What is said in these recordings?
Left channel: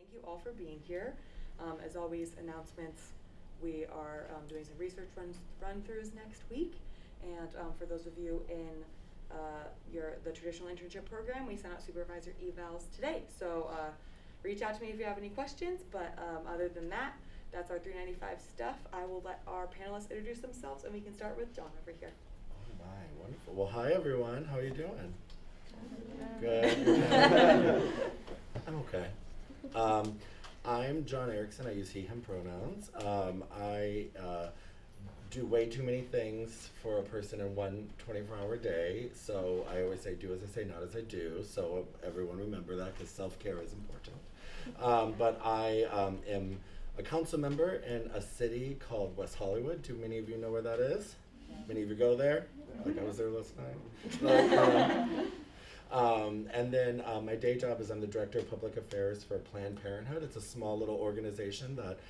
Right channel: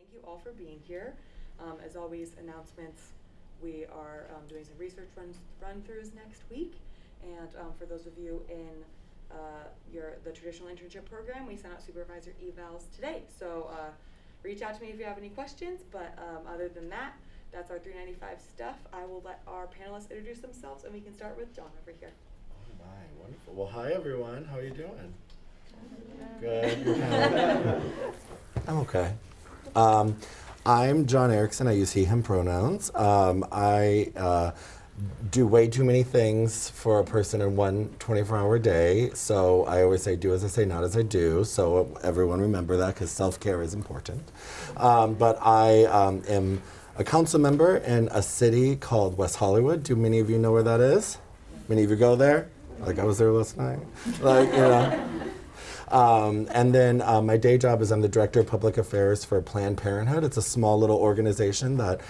Thank you all for being here. As always, announcements, we are doing some research run-throughs next week. And for those of you in the traditional internship program, we sent out supervisor evals today. So reach out to me if you have any questions. But other than that, that's our 395 stuff. I will let our panelists introduce themselves, and we can start with John over here. All right, wonderful. Well, hi everyone. How are you doing? Good. I'm okay. I'm John Erickson. I use he, him pronouns. I do way too many things for a person in one 24-hour day. So I always say, do as I say, not as I do. So everyone remember that, because self-care is important. But I am a council member in a city called West Hollywood. Do many of you know where that is? Many of you go there? Like, I was there last night. Like, you know. And then my day job is I'm the Director of Public Affairs for Planned Parenthood. It's a small little organization that,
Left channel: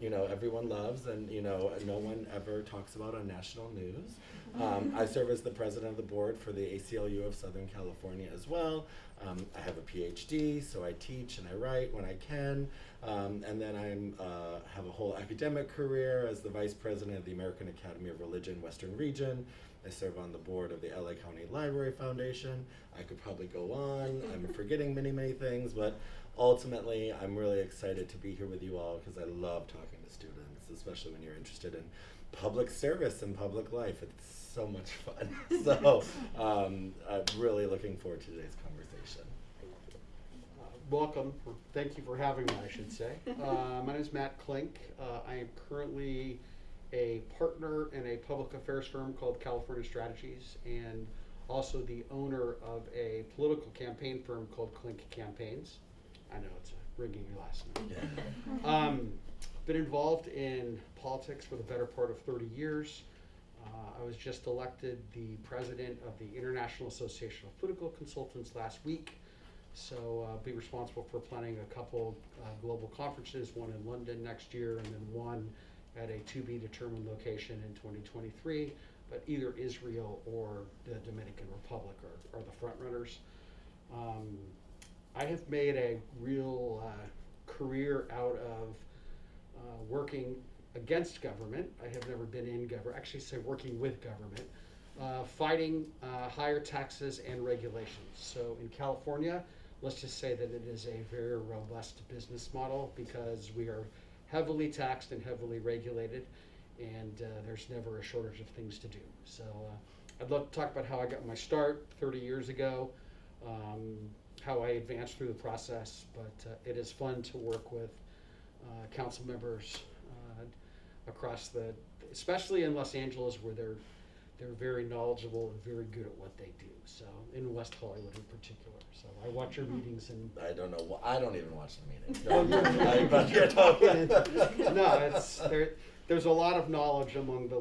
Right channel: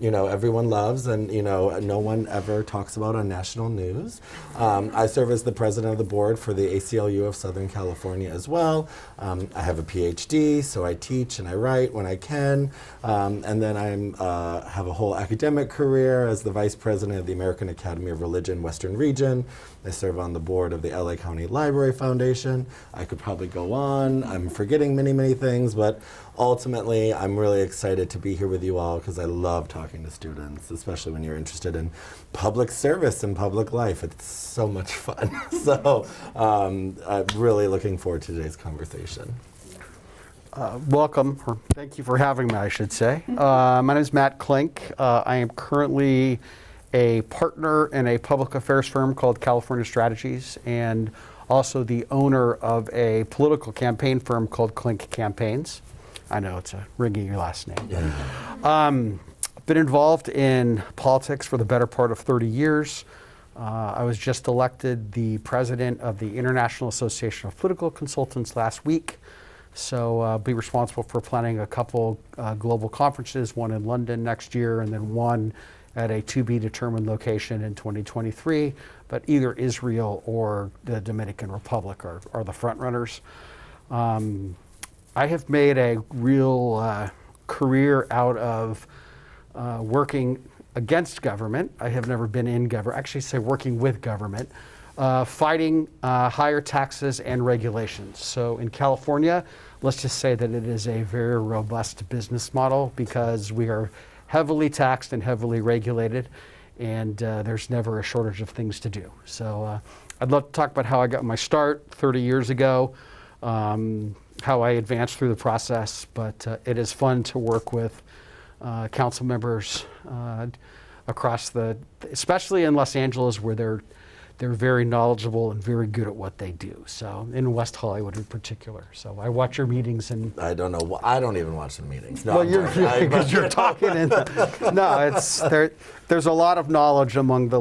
you know, everyone loves and, you know, no one ever talks about on national news. I serve as the president of the board for the ACLU of Southern California as well. I have a PhD, so I teach and I write when I can. And then I have a whole academic career as the vice president of the American Academy of Religion Western Region. I serve on the board of the LA County Library Foundation. I could probably go on. I'm forgetting many, many things, but ultimately, I'm really excited to be here with you all because I love talking to students, especially when you're interested in public service and public life. It's so much fun. So I'm really looking forward to today's conversation. Welcome, or thank you for having me, I should say. My name is Matt Klink. I am currently a partner in a public affairs firm called California Strategies, and also the owner of a political campaign firm called Clink Campaigns. I know it's a ringing last name. Yeah. Been involved in politics for the better part of 30 years. I was just elected the president of the International Association of Political Consultants last week. So I'll be responsible for planning a couple global conferences, one in London next year and then one at a to-be-determined location in 2023. But either Israel or the Dominican Republic are the front runners. I have made a real career out of working against government. I have never been in government, actually say working with government, fighting higher taxes and regulations. So in California, let's just say that it is a very robust business model because we are heavily taxed and heavily regulated, and there's never a shortage of things to do. So I'd love to talk about how I got my start 30 years ago, how I advanced through the process, but it is fun to work with council members across especially in Los Angeles, where they're very knowledgeable and very good at what they do. So in West Hollywood in particular. So I watch your meetings and I don't know. I don't even watch the meetings. No, well, because you're talking. And no, it's there's a lot of knowledge among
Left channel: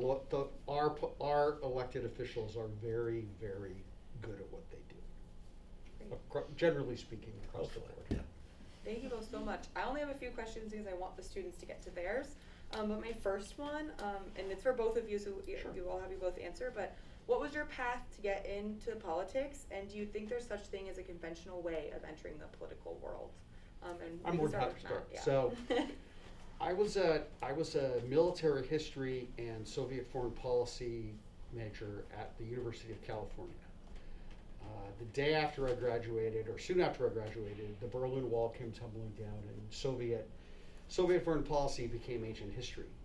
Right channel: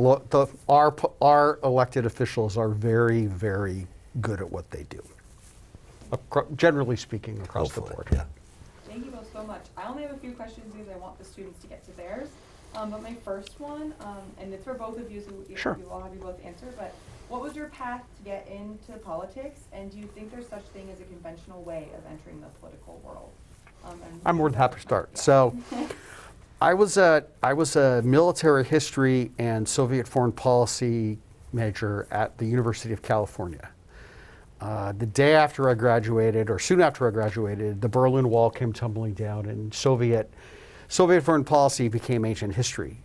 our elected officials are very, very good at what they do. Generally speaking, across Hopefully, the board. Yeah. Thank you both so much. I only have a few questions because I want the students to get to theirs. But my first one, and it's for both of you, so Sure. we will have you both answer, but what was your path to get into politics, and do you think there's such thing as a conventional way of entering the political world? I'm more than happy to start. Yeah. So I was a military history and Soviet foreign policy major at the University of California. The day after I graduated, or soon after I graduated, the Berlin Wall came tumbling down, and Soviet foreign policy became ancient history.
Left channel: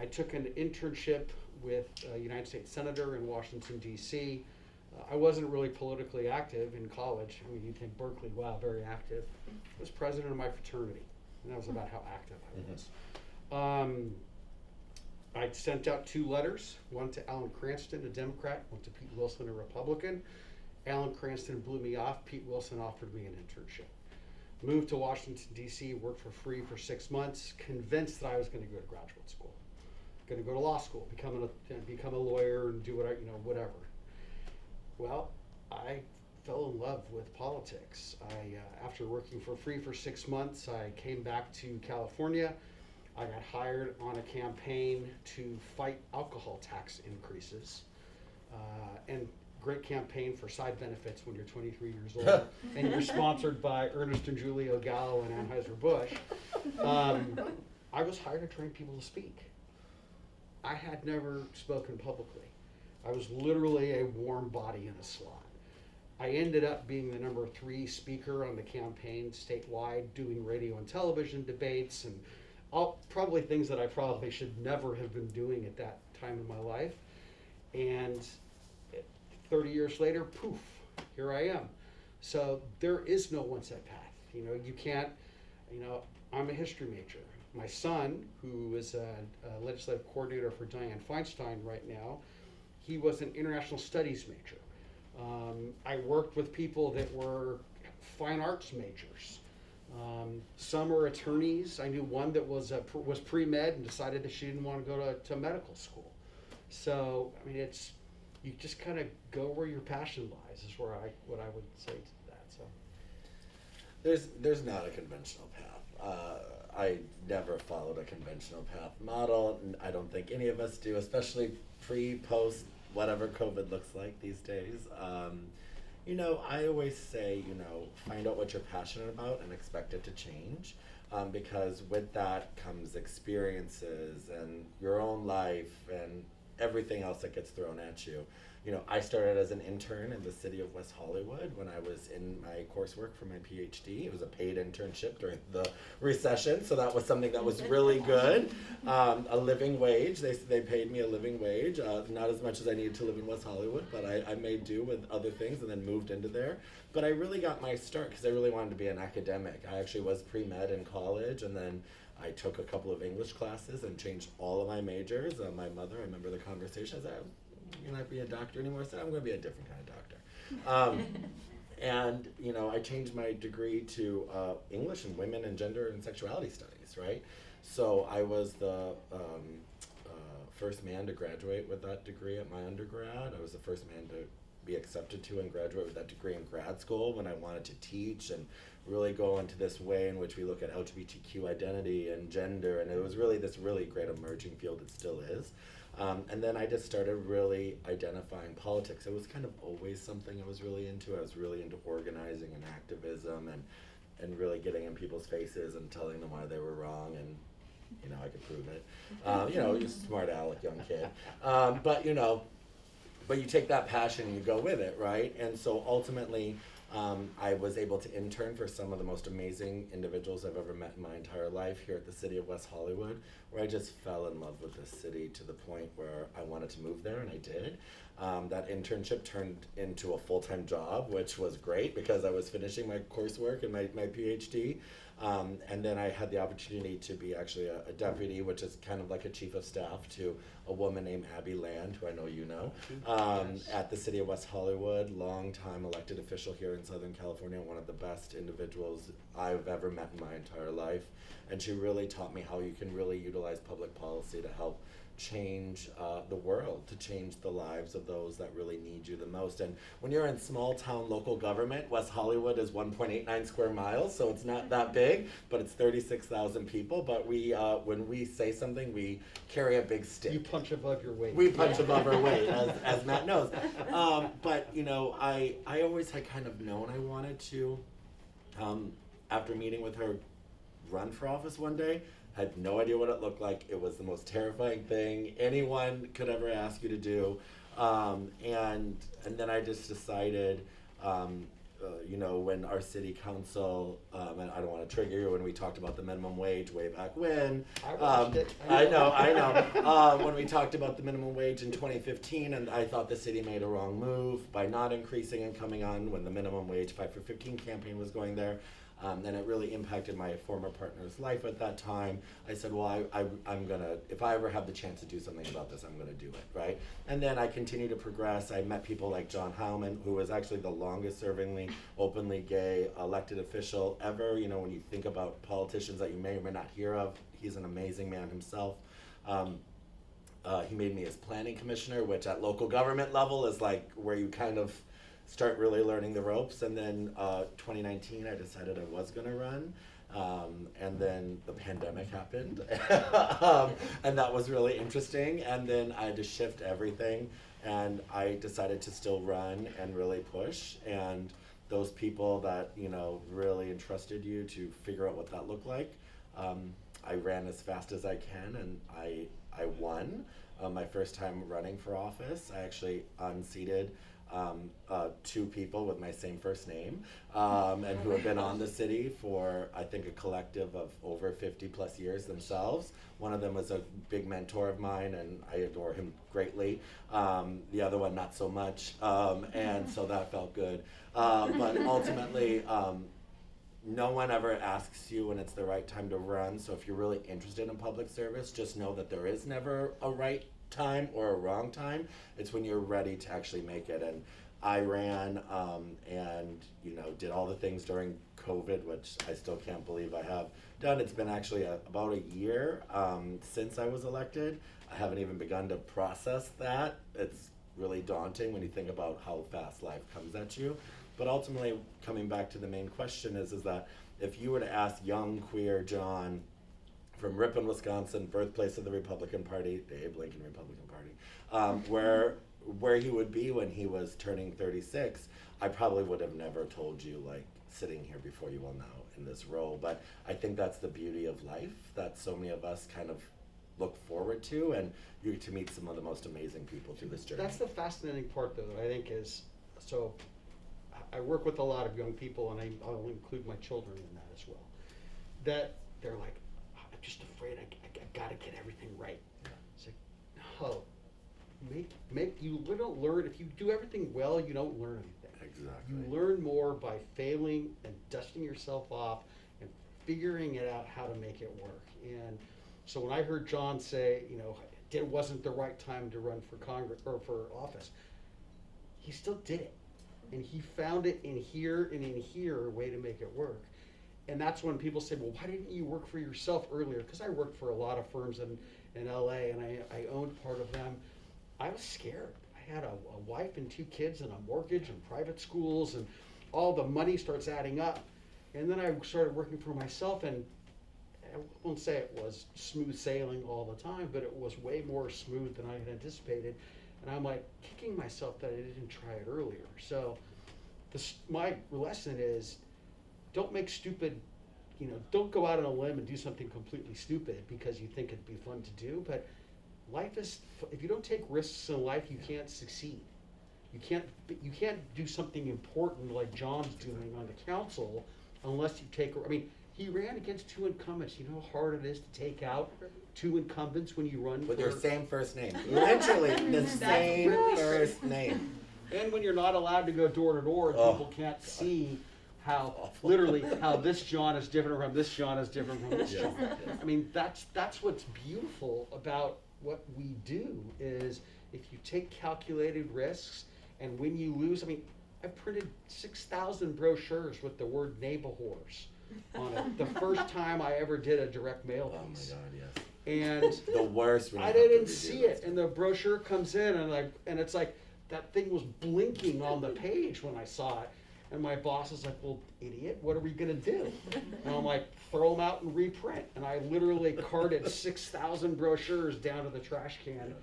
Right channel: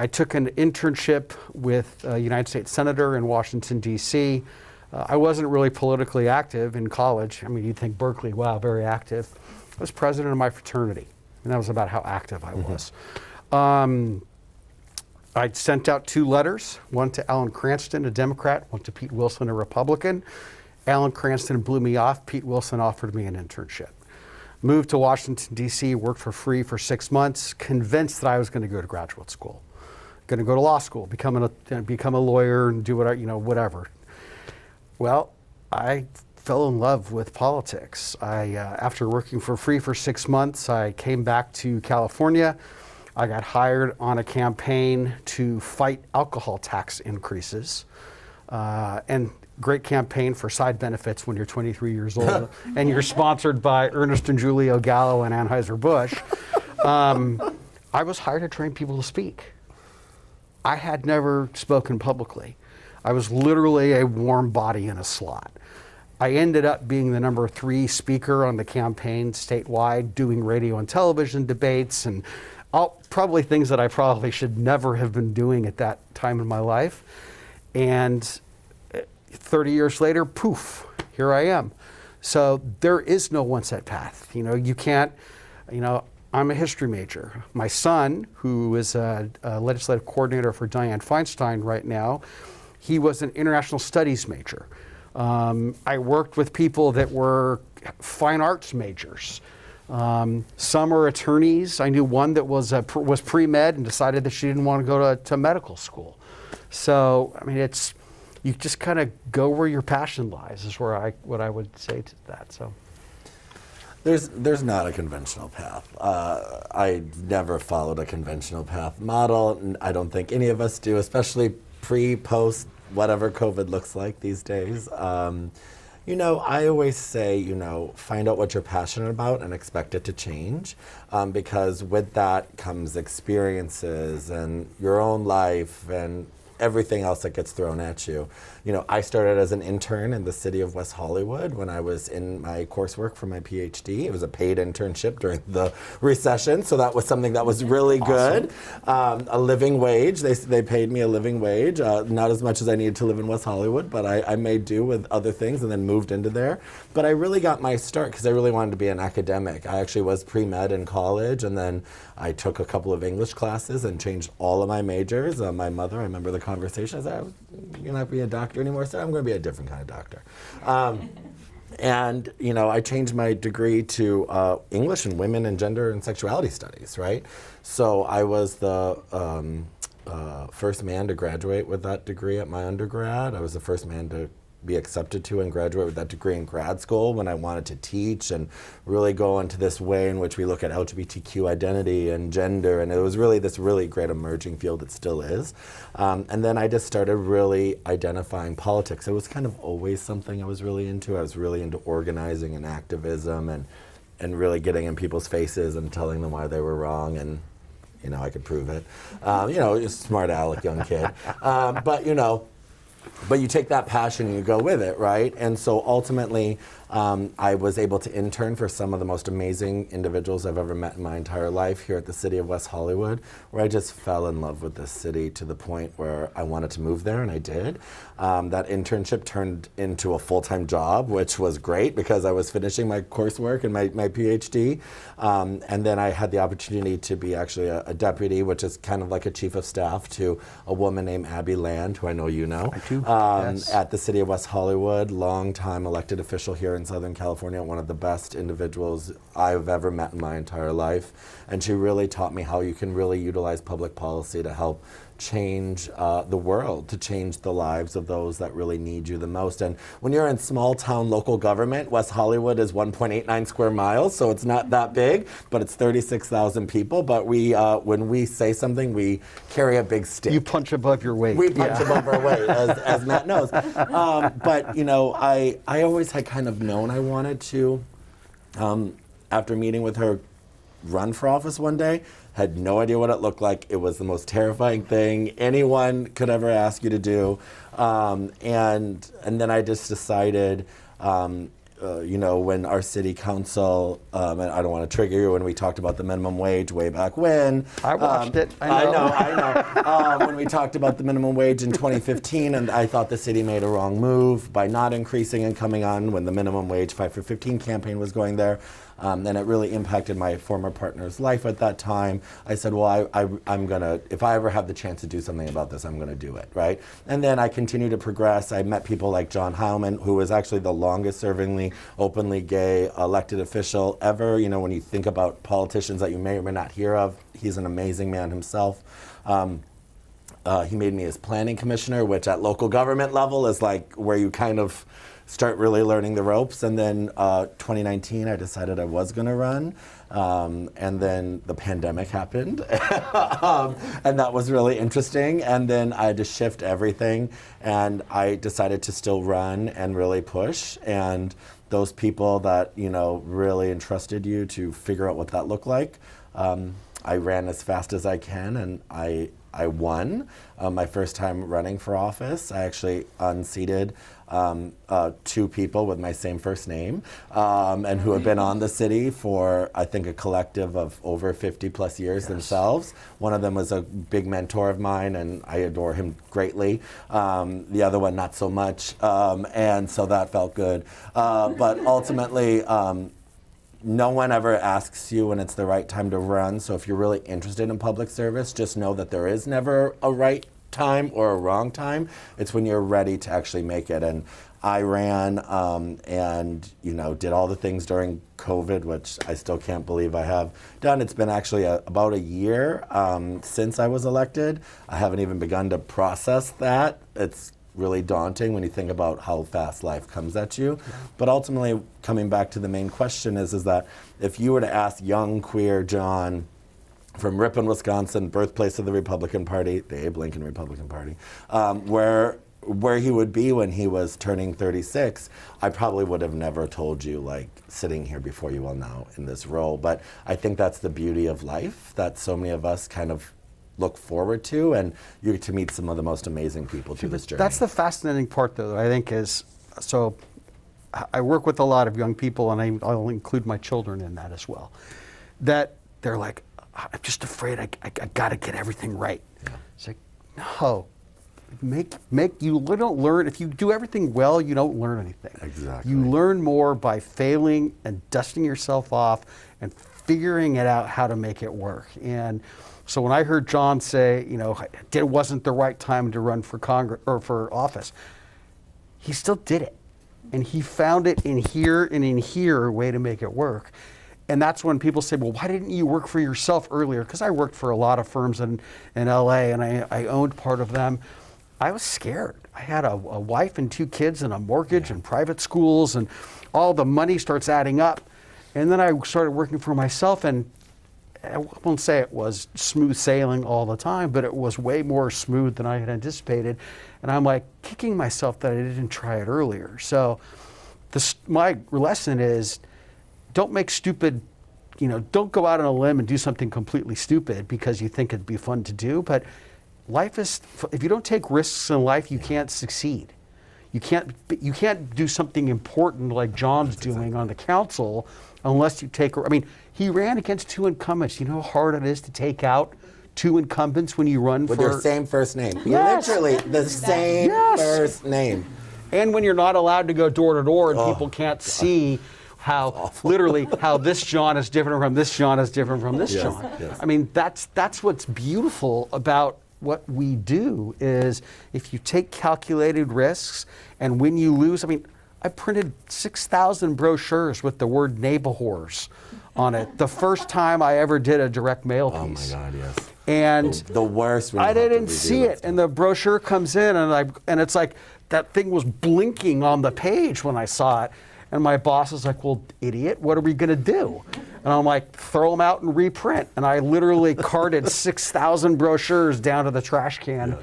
I took an internship with a United States Senator in Washington, D.C. I wasn't really politically active in college. I mean, you'd think Berkeley, wow, very active. I was president of my fraternity, and that was about how active I was. I sent out 2 letters, one to Alan Cranston, a Democrat, one to Pete Wilson, a Republican. Alan Cranston blew me off. Pete Wilson offered me an internship. Moved to Washington, D.C., worked for free for 6 months, convinced that I was going to go to graduate school, going to go to law school, become a lawyer and do whatever. Well, I fell in love with politics. After working for free for 6 months, I came back to California. I got hired on a campaign to fight alcohol tax increases. And great campaign for side benefits when you're 23 years old and you're sponsored by Ernest and Julio Gallo and Anheuser-Busch. I was hired to train people to speak. I had never spoken publicly. I was literally a warm body in a slot. I ended up being the number 3 speaker on the campaign statewide, doing radio and television debates and probably things that I probably should never have been doing at that time in my life. And 30 years later, poof, here I am. So there is no one set path. You can't, I'm a history major. My son, who is a legislative coordinator for Dianne Feinstein right now, he was an international studies major. I worked with people that were fine arts majors. Some are attorneys. I knew one that was pre-med and decided that she didn't want to go to medical school. So, you just kind of go where your passion lies is what I would say to that. So, there's not a conventional path. I never followed a conventional path model, and I don't think any of us do, especially pre-post whatever COVID looks like these days. I always say, find out what you're passionate about and expect it to change, because with that comes experiences and your own life and everything else that gets thrown at you. I started as an intern in the city of West Hollywood when I was in my coursework for my PhD. It was a paid internship during the recession, so that was something that was really good. A living wage. They paid me a living wage, not as much as I needed to live in West Hollywood, but I made do with other things and then moved into there. But I really got my start because I really wanted to be an academic. I actually was pre-med in college, and then I took a couple of English classes and changed all of my majors. My mother, I remember the conversation, I said, "You're not being a doctor anymore." I said, "I'm going to be a different kind of doctor." And, I changed my degree to English and Women and Gender and Sexuality Studies, right? So I was the first man to graduate with that degree at my undergrad. I was the first man to be accepted to and graduate with that degree in grad school when I wanted to teach and really go into this way in which we look at LGBTQ identity and gender, and it was really this really great emerging field. It still is. And then I just started really identifying politics. It was kind of always something I was really into. I was really into organizing and activism and really getting in people's faces and telling them why they were wrong, and I could prove it. Just smart aleck young kid. But you take that passion and you go with it, right? And so ultimately, I was able to intern for some of the most amazing individuals I've ever met in my entire life here at the city of West Hollywood, where I just fell in love with this city to the point where I wanted to move there, and I did. That internship turned into a full-time job, which was great because I was finishing my coursework and my PhD. And then I had the opportunity to be actually a deputy, which is kind of like a chief of staff to a woman named Abby Land, who I know you know. I do, yes. At the city of West Hollywood, long-time elected official here in Southern California, one of the best individuals I've ever met in my entire life. And she really taught me how you can really utilize public policy to help change the world, to change the lives of those that really need you the most. And when you're in small town local government, West Hollywood is 1.89 square miles, so it's not that big, but it's 36,000 people. But we, when we say something, we carry a big stick. You punch above your weight. We punch above our weight, as Matt knows. But I always had kind of known I wanted to, after meeting with her, run for office one day. Had no idea what it looked like. It was the most terrifying thing anyone could ever ask you to do. And then I just decided, when our city council, and I don't want to trigger you, when we talked about the minimum wage way back when. I watched it. I know. When we talked about the minimum wage in 2015, and I thought the city made a wrong move by not increasing and coming on when the minimum wage 5 for 15 campaign was going there. And it really impacted my former partner's life at that time. I said, well, I'm gonna, if I ever have the chance to do something about this, I'm gonna do it, right? And then I continued to progress. I met people like John Heilman, who was actually the longest servingly openly gay elected official ever. When you think about politicians that you may or may not hear of, he's an amazing man himself. He made me his planning commissioner, which at local government level is like where you kind of start really learning the ropes. And then 2019, I decided I was going to run. And then the pandemic happened, and that was really interesting. And then I had to shift everything, and I decided to still run and really push. And those people that, you know, really entrusted you to figure out what that looked like, I ran as fast as I can, and I won my first time running for office. I actually unseated 2 people with my same first name, and who have been on the city for, I think, a collective of over 50 plus years themselves. One of them was a big mentor of mine, and I adore him greatly. The other one, not so much, and so that felt good. But ultimately, no one ever asks you when it's the right time to run. So if you're really interested in public service, just know that there is never a right time or a wrong time. It's when you're ready to actually make it. And I ran and, you know, did all the things during COVID, which I still can't believe I have done. It's been actually about a year since I was elected. I haven't even begun to process that. It's really daunting when you think about how fast life comes at you. Yeah. But ultimately, coming back to the main question is that if you were to ask young queer John from Ripon, Wisconsin, birthplace of the Republican Party, the Abe Lincoln Republican Party, where he would be when he was turning 36, I probably would have never told you, like, sitting here before you all now in this role. But I think that's the beauty of life that so many of us kind of look forward to, and you get to meet some of the most amazing people through this journey. That's the fascinating part, though, I think, is, so I work with a lot of young people, and I'll include my children in that as well, that they're like, I'm just afraid I got to get everything right. Yeah. It's like, no, you don't learn, if you do everything well, you don't learn anything. Exactly. You learn more by failing and dusting yourself off and figuring it out how to make it work. And so when I heard John say, you know, it wasn't the right time to run for Congress or for office, he still did it. And he found it in here and in here a way to make it work. And that's when people say, well, why didn't you work for yourself earlier? Because I worked for a lot of firms in LA, and I owned part of them. I was scared. I had a wife and 2 kids and a mortgage and private schools, and all the money starts adding up. And then I started working for myself, and I won't say it was smooth sailing all the time, but it was way more smooth than I had anticipated. And I'm like kicking myself that I didn't try it earlier. So my lesson is, don't make stupid, you know, don't go out on a limb and do something completely stupid because you think it'd be fun to do. But life is, if you don't take risks in life, you can't succeed. You can't do something important like John's doing on the council unless you take, I mean, he ran against 2 incumbents. You know how hard it is to take out 2 incumbents when you run with for... your same first name. Yes. Literally the same first name. And when you're not allowed to go door to door and people can't see how, literally, how this John is different from this John is different from this John. Yes. I mean, that's what's beautiful about what we do, is if you take calculated risks, and when you lose, I mean, I printed 6,000 brochures with the word neighbors on it the first time I ever did a direct mail piece. Oh my God, yes. And the worst. I didn't see it, and the brochure comes in, and it's like that thing was blinking on the page when I saw it, and my boss is like, "Well, idiot, what are we gonna do?" And I'm like, "Throw them out and reprint." And I literally carted 6,000 brochures down to the trash can. Yeah.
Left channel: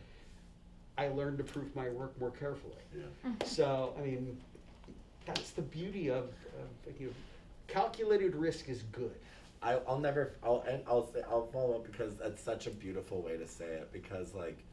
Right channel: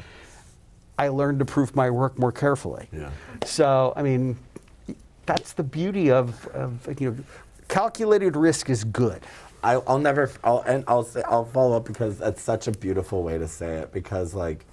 I learned to prove my work more carefully. Yeah. So, I mean, that's the beauty of you know, calculated risk is good. I'll follow up because that's such a beautiful way to say it, because like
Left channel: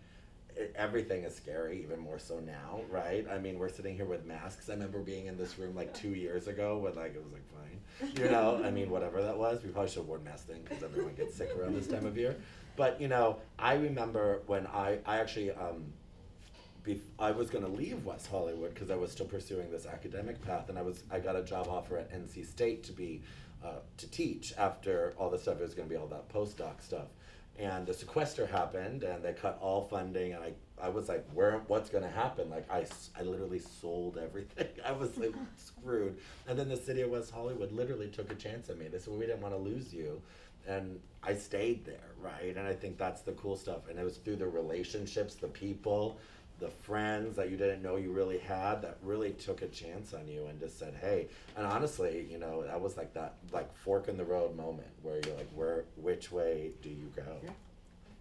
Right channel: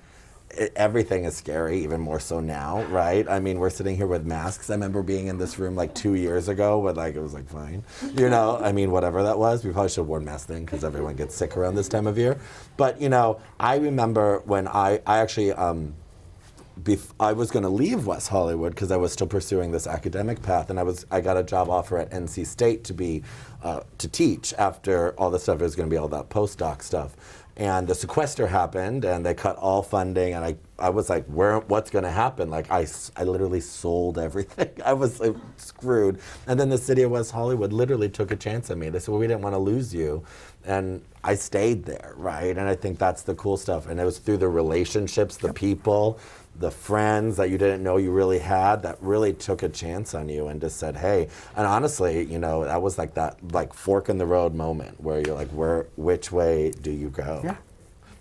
everything is scary, even more so now, right? I mean, we're sitting here with masks. I remember being in this room like 2 years ago with like, it was like fine, you know, I mean, whatever that was. We probably should have worn masks then because everyone gets sick around this time of year. But, you know, I remember when I actually, I was going to leave West Hollywood because I was still pursuing this academic path, and I got a job offer at NC State to teach after all the stuff. It was going to be all that postdoc stuff, and the sequester happened, and they cut all funding, and I was like, what's going to happen? Like I literally sold everything. I was like, screwed. And then the city of West Hollywood literally took a chance on me. They said, well, we didn't want to lose you. And I stayed there, right? And I think that's the cool stuff. And it was through the relationships, the people, the friends that you didn't know you really had that really took a chance on you and just said, hey, and honestly, you know, that was like that like fork in the road moment where you're like, which way do you go? Yeah.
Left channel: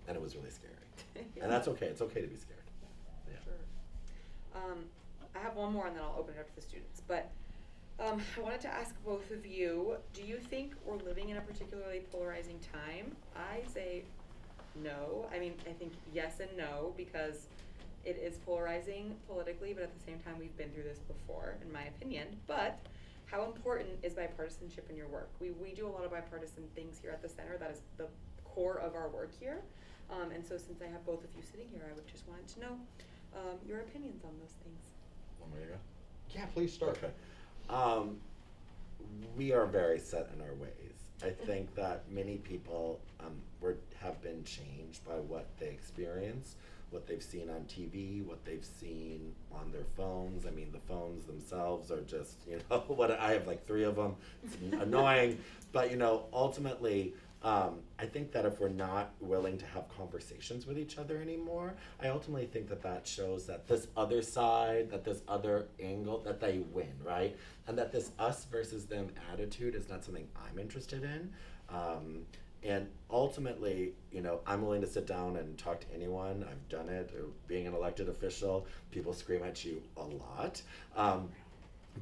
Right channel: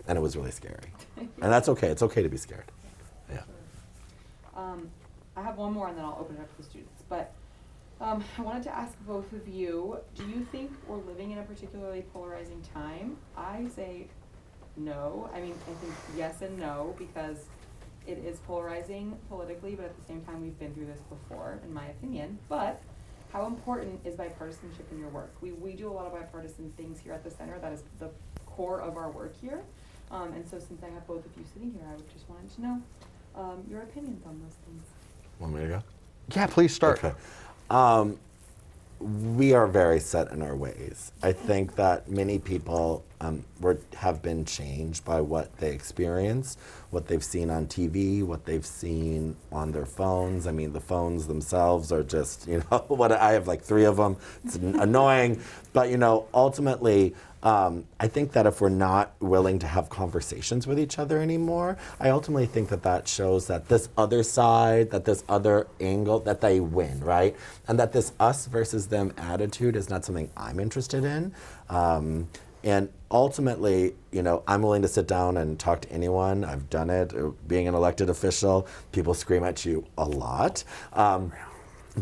And it was really scary. And that's okay. It's okay to be scared. Yeah. Sure. I have one more and then I'll open it up to the students. But I wanted to ask both of you, do you think we're living in a particularly polarizing time? I say no. I mean, I think yes and no, because it is polarizing politically, but at the same time, we've been through this before, in my opinion. But how important is bipartisanship in your work? We do a lot of bipartisan things here at the center. That is the core of our work here. And so since I have both of you sitting here, I would just wanted to know your opinions on those things. Want me to go? Yeah, please start. Okay. We are very set in our ways. I think that many people have been changed by what they experience, what they've seen on TV, what they've seen on their phones. I mean, the phones themselves are just, you know, what I have like 3 of them. It's annoying, but you know, ultimately, I think that if we're not willing to have conversations with each other anymore, I ultimately think that that shows that this other side, that this other angle, that they win, right? And that this us versus them attitude is not something I'm interested in. And ultimately, you know, I'm willing to sit down and talk to anyone. I've done it. Being an elected official, people scream at you a lot.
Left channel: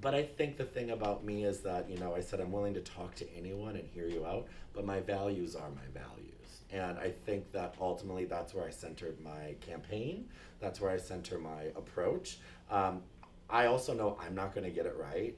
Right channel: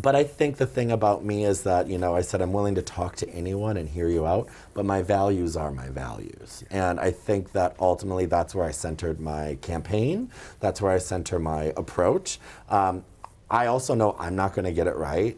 But I think the thing about me is that, you know, I said I'm willing to talk to anyone and hear you out, but my values are my values. And I think that ultimately that's where I centered my campaign. That's where I center my approach. I also know I'm not going to get it right.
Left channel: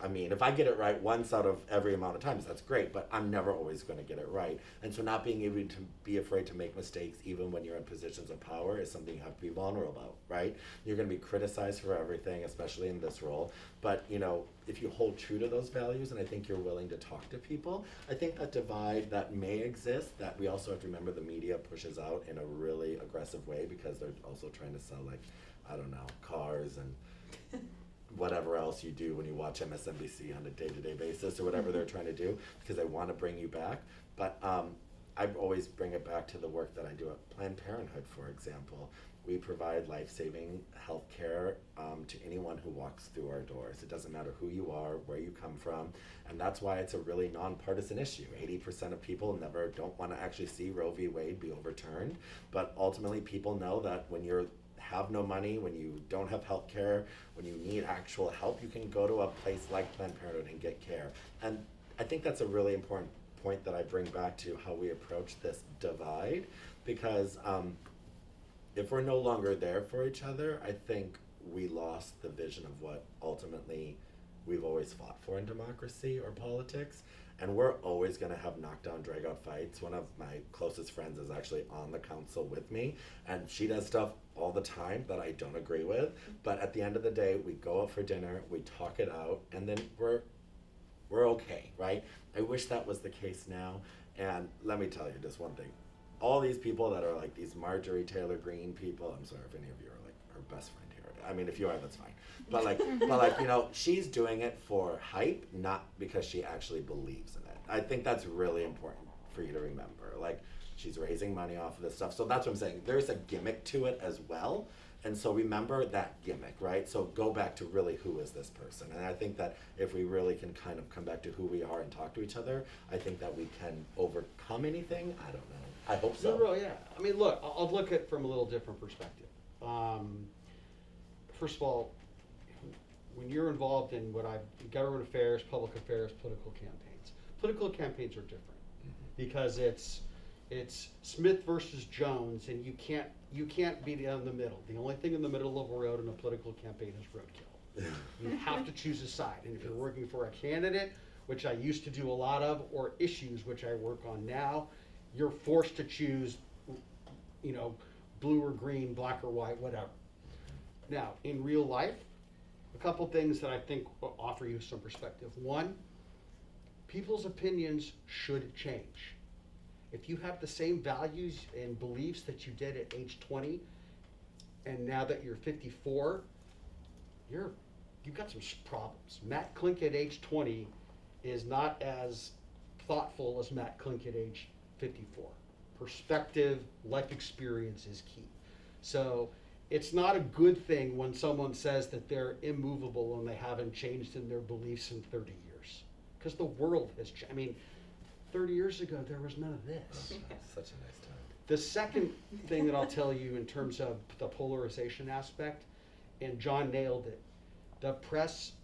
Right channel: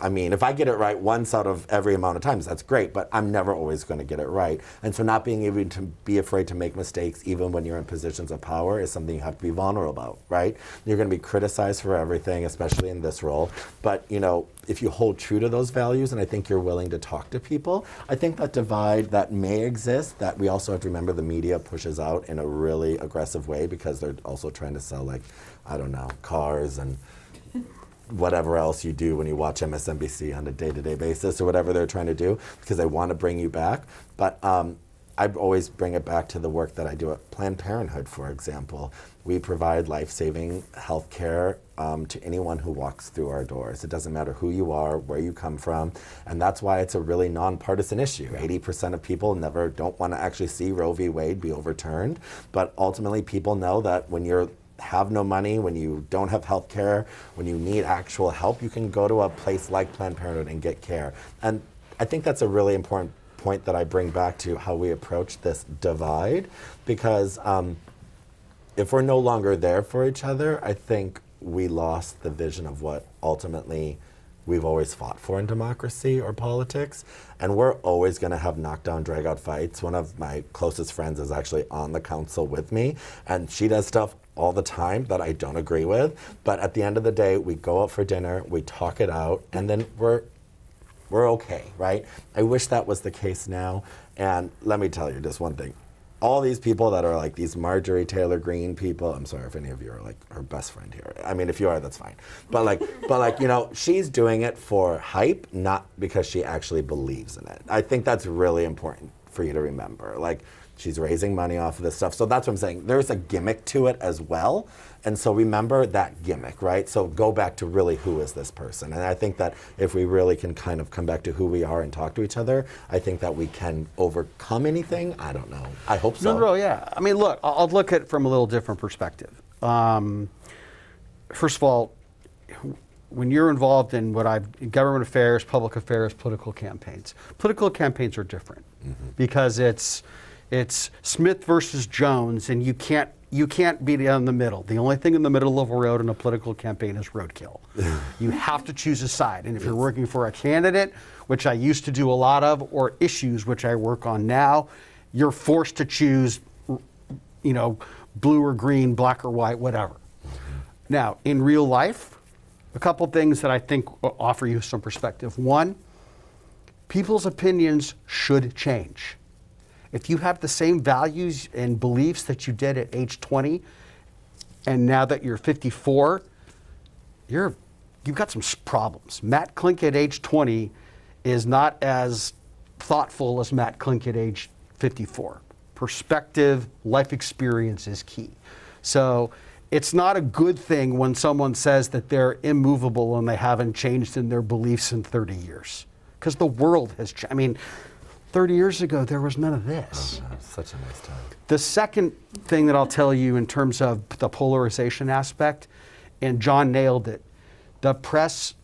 I mean, if I get it right once out of every amount of times, that's great, but I'm never always going to get it right. And so not being able to be afraid to make mistakes, even when you're in positions of power, is something you have to be vulnerable about, right? You're going to be criticized for everything, especially in this role. But, you know, if you hold true to those values, and I think you're willing to talk to people, I think that divide that may exist, that we also have to remember the media pushes out in a really aggressive way because they're also trying to sell, like, I don't know, cars and whatever else you do when you watch MSNBC on a day-to-day basis or whatever they're trying to do, because they want to bring you back. But I always bring it back to the work that I do at Planned Parenthood, for example. We provide life-saving health care to anyone who walks through our doors. It doesn't matter who you are, where you come from, and that's why it's a really nonpartisan issue. 80% of people don't want to actually see Roe v. Wade be overturned, but ultimately people know that when you have no money, when you don't have health care, when you need actual help, you can go to a place like Planned Parenthood and get care. And I think that's a really important point that I bring back to how we approach this divide, because if we're no longer there for each other, I think we lost the vision of what ultimately we've always fought for in democracy or politics. And we're always going to have knockdown, drag-out fights. One of my closest friends is actually on the council with me, and she does stuff all the time that I don't agree with. But at the end of the day, we go out for dinner, we talk it out, and then we're okay, right? I wish that was the case now. And let me tell you just one thing. All these people that are like these Marjorie Taylor Greene people, I'm sorry if any of you are like her best friend here. I mean, if you are, that's fine. But like, you know, she's doing it for hype, not because she actually believes in it. I think that's really important for you to remember. Like, she's raising money off of this stuff. So that's what I'm saying. There's a gimmick to it as well. And so remember that gimmick, right? So go back to really who is this person. And I think that if we really can kind of come back to who we are and talk to each other, I think that we can overcome anything. I don't know. I hope so. No, yeah. I mean, look, I'll look at it from a little different perspective. First of all, when you're involved in government affairs, public affairs, political campaigns are different because it's Smith versus Jones, and you can't be down the middle. The only thing in the middle of a road in a political campaign is roadkill. You have to choose a side. And if you're working for a candidate, which I used to do a lot of, or issues, which I work on now, you're forced to choose, you know, blue or green, black or white, whatever. Now, in real life, a couple things that I think will offer you some perspective. One, people's opinions should change. If you have the same values and beliefs that you did at age 20, and now that you're 54, you've got some problems. Matt Klink at age 20 is not as thoughtful as Matt Klink at age 54. Perspective, life experience is key. So it's not a good thing when someone says that they're immovable and they haven't changed in their beliefs in 30 years. Because the world has changed. I mean, 30 years ago, there was none of this. Oh, man, such a nice time. The second thing that I'll tell you in terms of the polarization aspect, and John nailed it, the press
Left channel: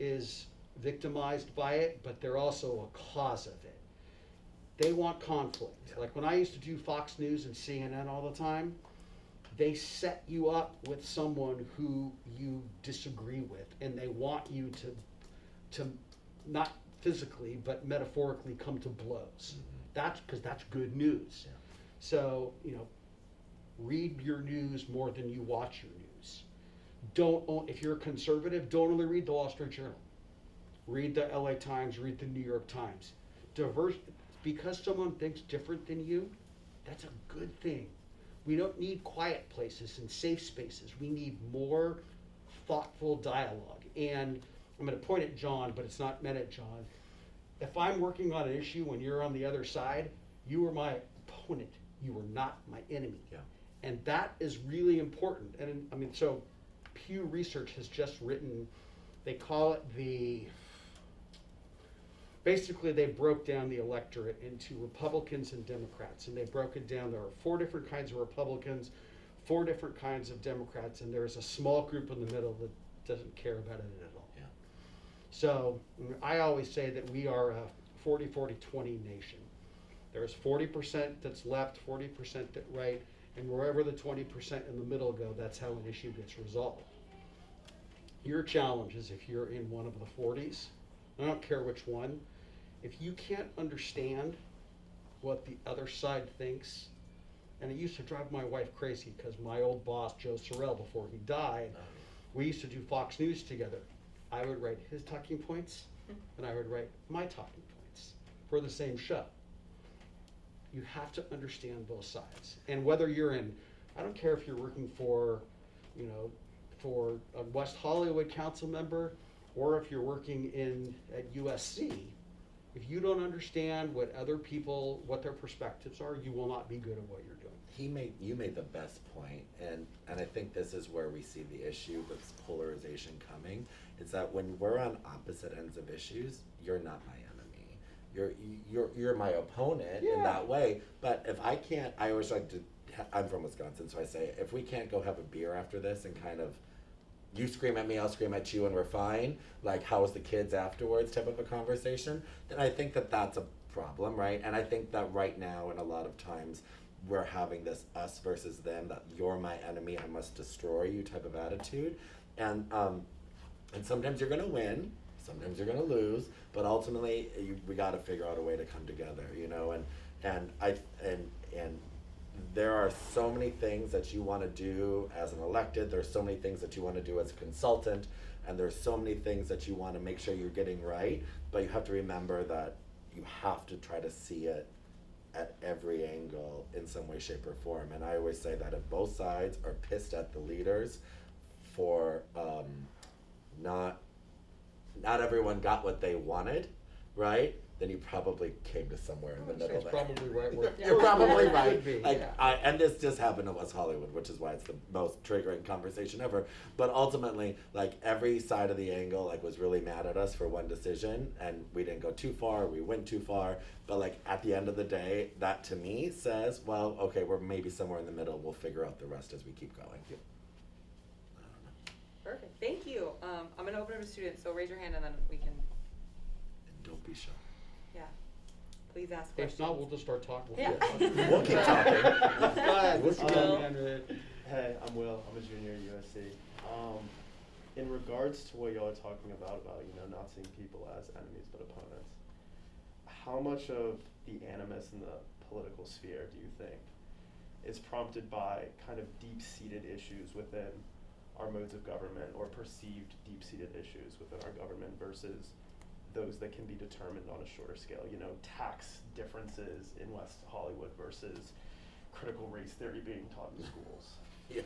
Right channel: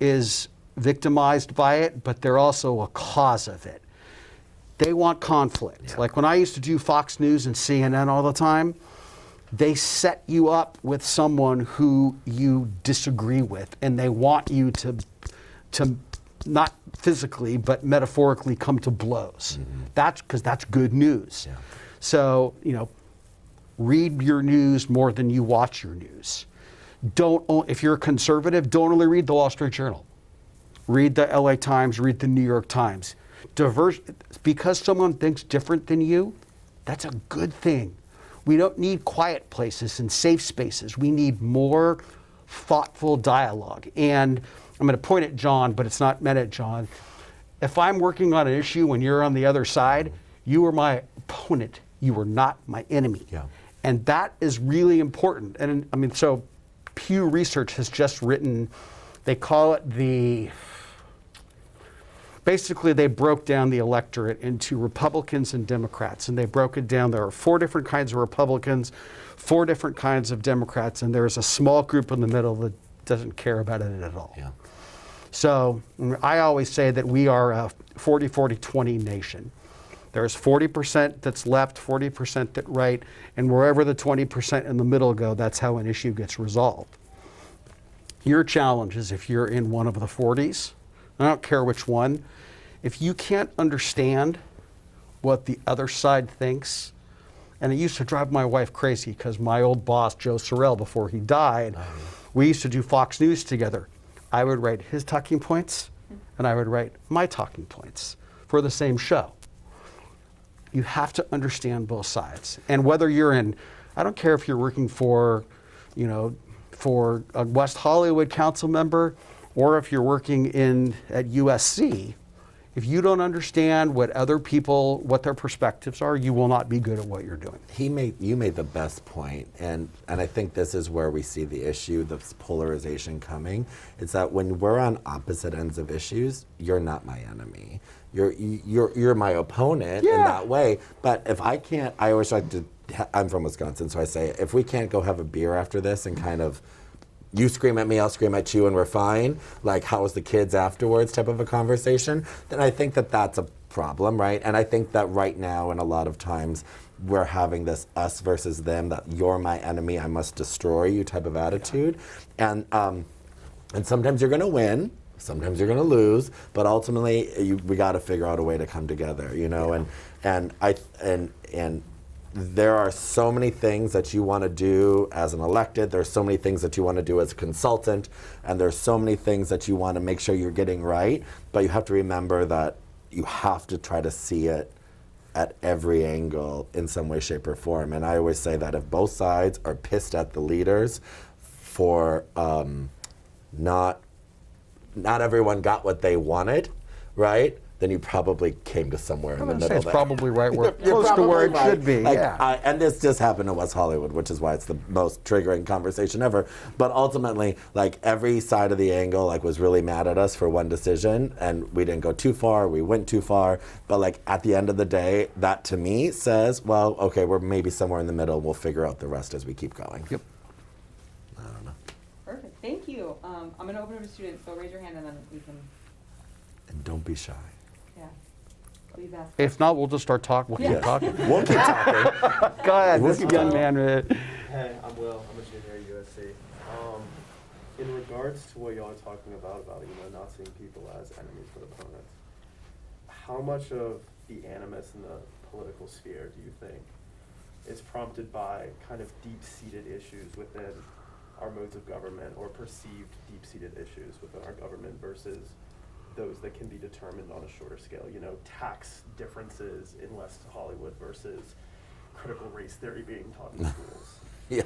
is victimized by it, but they're also a cause of it. They want conflict. Yeah. Like when I used to do Fox News and CNN all the time, they set you up with someone who you disagree with, and they want you to not physically, but metaphorically come to blows. Mm-hmm. That's because that's good news. Yeah. So, read your news more than you watch your news. If you're a conservative, don't only read the Wall Street Journal. Read the LA Times, read the New York Times. Because someone thinks different than you, that's a good thing. We don't need quiet places and safe spaces. We need more thoughtful dialogue. And I'm going to point at John, but it's not meant at John. If I'm working on an issue when you're on the other side, you are my opponent. You are not my enemy. Yeah. And that is really important. And I mean, so Pew Research has just written, they call it basically they broke down the electorate into Republicans and Democrats. And they broke it down. There are 4 different kinds of Republicans, 4 different kinds of Democrats, and there's a small group in the middle that doesn't care about it at all. Yeah. So I always say that we are a 40-40-20 nation. There's 40% that's left, 40% that's right, and wherever the 20% in the middle go, that's how an issue gets resolved. Your challenge is if you're in one of the 40s, I don't care which one, if you can't understand what the other side thinks, and it used to drive my wife crazy because my old boss, Joe Sorrell, before he died, we used to do Fox News together. I would write his talking points, and I would write my talking points for the same show. You have to understand both sides. And whether you're in, I don't care if you're working for a West Hollywood council member, or if you're working at USC, if you don't understand what other people, what their perspectives are, you will not be good at what you're doing. You made the best point, and I think this is where we see the issue, this polarization coming. It's that when we're on opposite ends of issues, you're not my enemy. You're my opponent in that way. But if I can't, I always like to. I'm from Wisconsin, so I say if we can't go have a beer after this and kind of. You scream at me, I'll scream at you, and we're fine. Like, how was the kids afterwards type of a conversation. Then I think that that's a problem, right? And I think that right now, and a lot of times, we're having this us versus them, that you're my enemy, I must destroy you type of attitude. And sometimes you're going to win, sometimes you're going to lose, but ultimately, we got to figure out a way to come together, And there are so many things that you want to do as an elected. There's so many things that you want to do as a consultant. And there's so many things that you want to make sure you're getting right. But you have to remember that you have to try to see it at every angle in some way, shape, or form. And I always say that if both sides are pissed at the leaders for not everyone got what they wanted, right? Then you probably came to somewhere in the middle. It's there. probably right where You're close to where it right. should be. And this just happened in West Hollywood, which is why it's the most triggering conversation ever. But ultimately, every side of the angle was really mad at us for one decision, and we didn't go too far. We went too far. But at the end of the day, that to me says, well, okay, we're maybe somewhere in the middle. We'll figure out the rest as we keep going. Yep. I don't know. Perfect. Thank you. I'm going to open it to students, so raise your hand and then we can. And don't be shy. Yeah. Please ask. If not, we'll just start talking. We'll keep talking. We'll keep talking. Go ahead, We'll this keep young talking. man. Hey, I'm Will. I'm a junior at USC. In regards to what y'all are talking about not seeing people as enemies but opponents, how much of the animus in the political sphere do you think is prompted by kind of deep-seated issues within our modes of government, or perceived deep-seated issues within our government, versus those that can be determined on a shorter scale, tax differences in West Hollywood versus critical race theory being taught in schools? Yeah,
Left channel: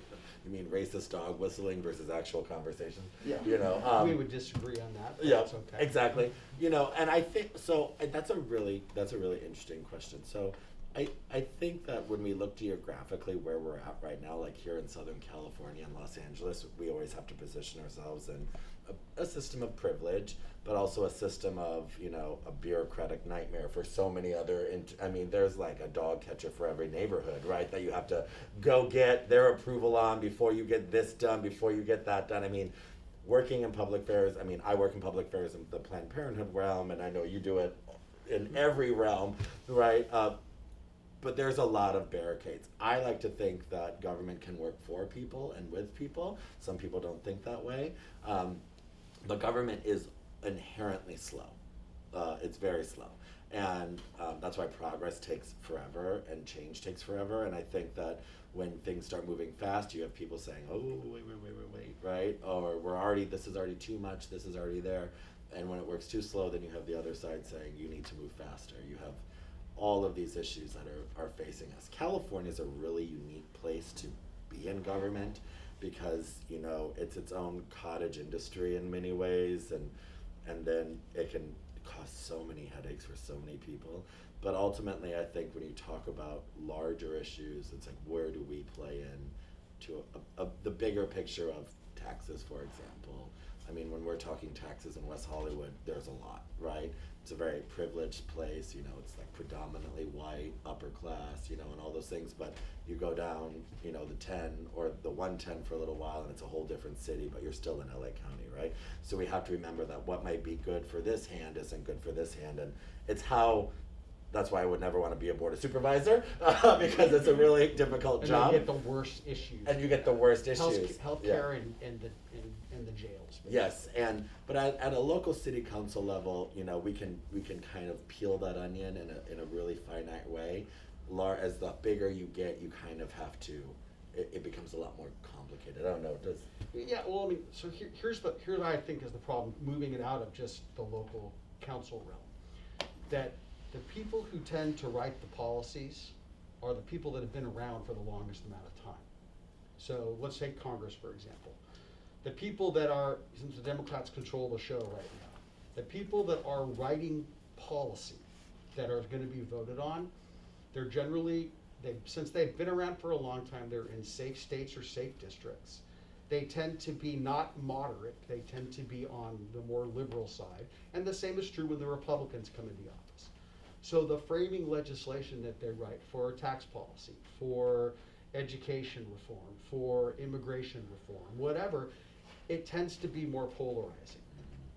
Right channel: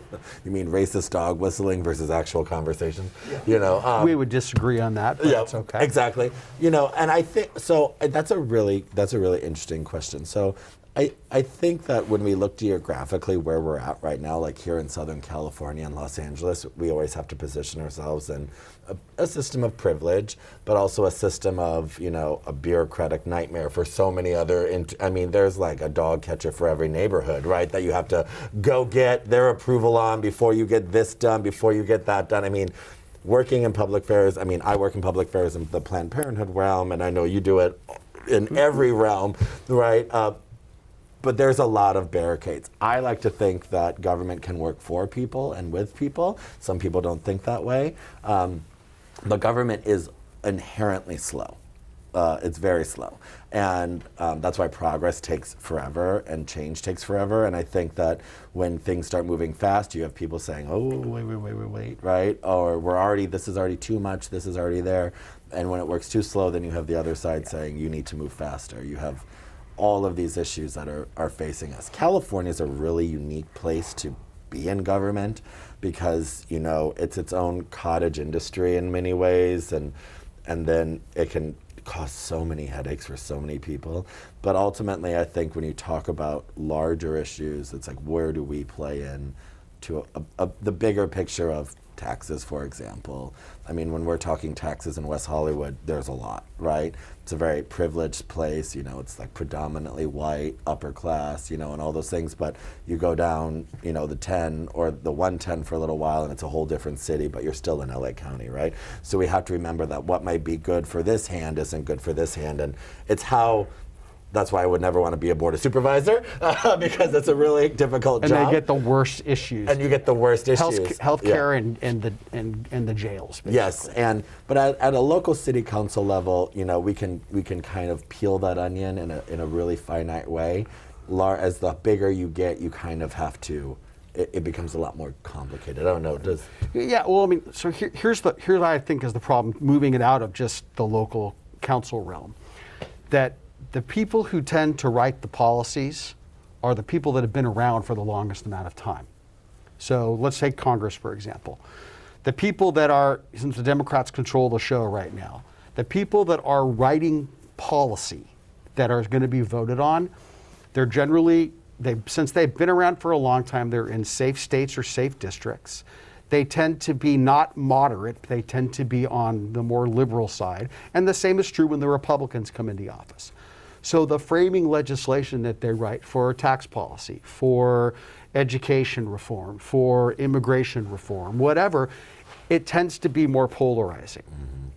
you mean racist dog whistling versus actual conversation? Yeah. We would disagree on that, but that's okay. Exactly. And I think so. That's a really interesting question. So, I think that when we look geographically where we're at right now, like here in Southern California and Los Angeles, we always have to position ourselves in a system of privilege, but also a system of, a bureaucratic nightmare for so many other, there's like a dog catcher for every neighborhood, right? That you have to go get their approval on before you get this done, before you get that done. Working in public affairs, I work in public affairs in the Planned Parenthood realm, and I know you do it in every realm, right? But there's a lot of barricades. I like to think that government can work for people and with people. Some people don't think that way. But government is inherently slow. It's very slow. And that's why progress takes forever and change takes forever. And I think that when things start moving fast, you have people saying, oh, wait, right? Or this is already too much, this is already there. And when it works too slow, then you have the other side saying, you need to move faster. You have all of these issues that are facing us. California is a really unique place to be in government because, it's its own cottage industry in many ways, and then it can cause so many headaches for so many people. But ultimately, I think when you talk about larger issues, it's like, where do we play in to the bigger picture of taxes, for example? When we're talking taxes in West Hollywood, there's a lot, right? It's a very privileged place, it's like predominantly white, upper class, and all those things. But you go down, the 10 or the 110 for a little while, and it's a whole different city, but you're still in LA County, right? So we have to remember that what might be good for this hand isn't good for this hand. And that's why I would never want to be a board of supervisor, because it's a really difficult job. And they get the worst issues. And you get the worst issues. Healthcare and the jails. Basically. Yes, but at a local city council level, we can kind of peel that onion in a really finite way. As the bigger you get, you kind of have to. It becomes a lot more complicated. I don't know. Yeah. Well, so here's what I think is the problem. Moving it out of just the local council realm, that the people who tend to write the policies are the people that have been around for the longest amount of time. So let's take Congress, for example. The people that are, since the Democrats control the show right now, the people that are writing policy that are going to be voted on, they're generally, since they've been around for a long time, they're in safe states or safe districts. They tend to be not moderate, they tend to be on the more liberal side. And the same is true when the Republicans come into office. So the framing legislation that they write for tax policy, for education reform, for immigration reform, whatever, it tends to be more polarizing. Mm-hmm.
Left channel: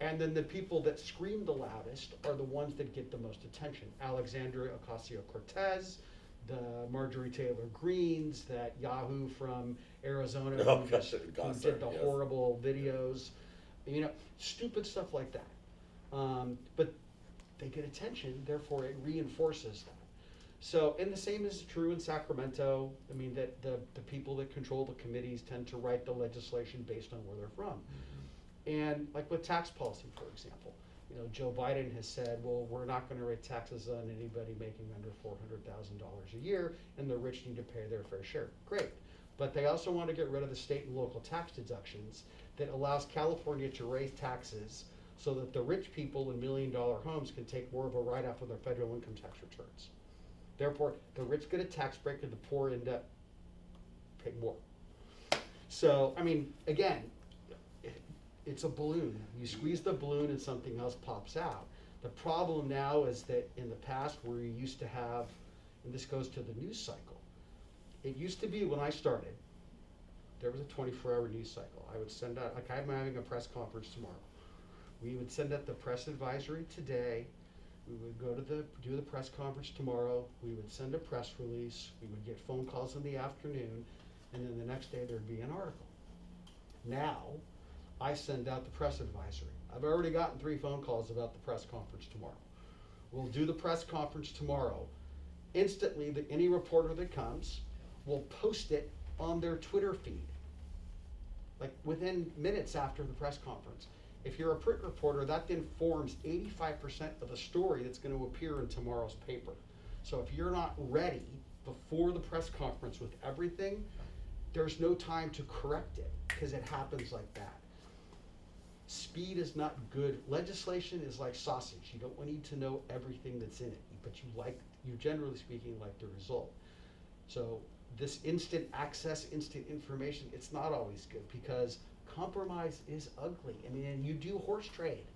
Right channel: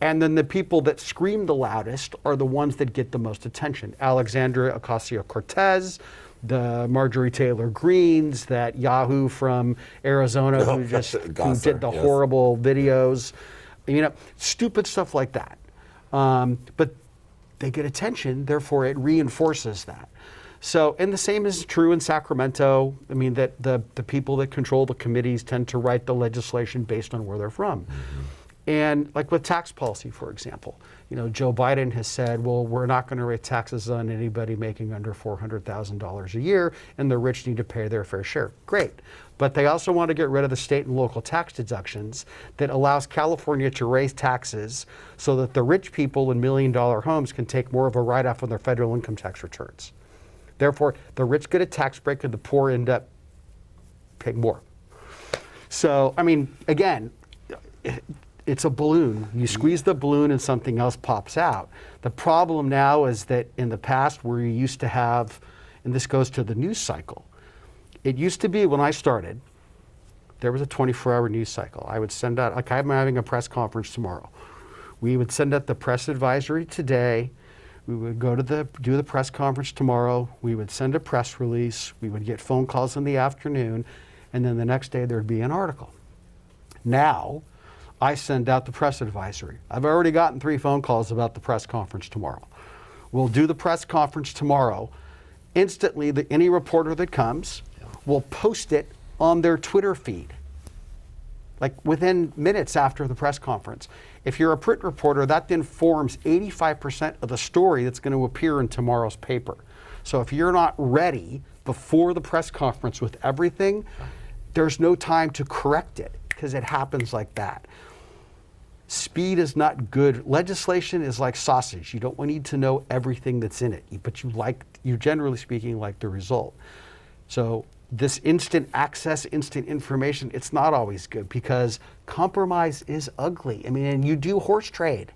And then the people that scream the loudest are the ones that get the most attention. Alexandria Ocasio-Cortez, the Marjorie Taylor Greens, that Yahoo from Arizona who did the horrible videos, stupid stuff like that. But they get attention, therefore it reinforces that. So, and the same is true in Sacramento. That the people that control the committees tend to write the legislation based on where they're from. Mm-hmm. And like with tax policy, for example, Joe Biden has said, well, we're not going to raise taxes on anybody making under $400,000 a year, and the rich need to pay their fair share. Great. But they also want to get rid of the state and local tax deductions that allows California to raise taxes so that the rich people in million-dollar homes can take more of a write-off on their federal income tax returns. Therefore, the rich get a tax break and the poor end up paying more. So, again, it's a balloon. You squeeze the balloon and something else pops out. The problem now is that in the past where you used to have, and this goes to the news cycle, it used to be when I started, there was a 24-hour news cycle. I would send out, like I'm having a press conference tomorrow. We would send out the press advisory today. We would go to do the press conference tomorrow. We would send a press release. We would get phone calls in the afternoon. And then the next day there'd be an article. Now, I send out the press advisory. I've already gotten 3 phone calls about the press conference tomorrow. We'll do the press conference tomorrow. Instantly, any reporter that comes will post it on their Twitter feed, like within minutes after the press conference. If you're a print reporter, that then forms 85% of the story that's going to appear in tomorrow's paper. So if you're not ready before the press conference with everything, there's no time to correct it because it happens like that. Speed is not good. Legislation is like sausage. You don't need to know everything that's in it, but you you generally speaking like the result. So this instant access, instant information, it's not always good because compromise is ugly. I mean, and you do horse trade.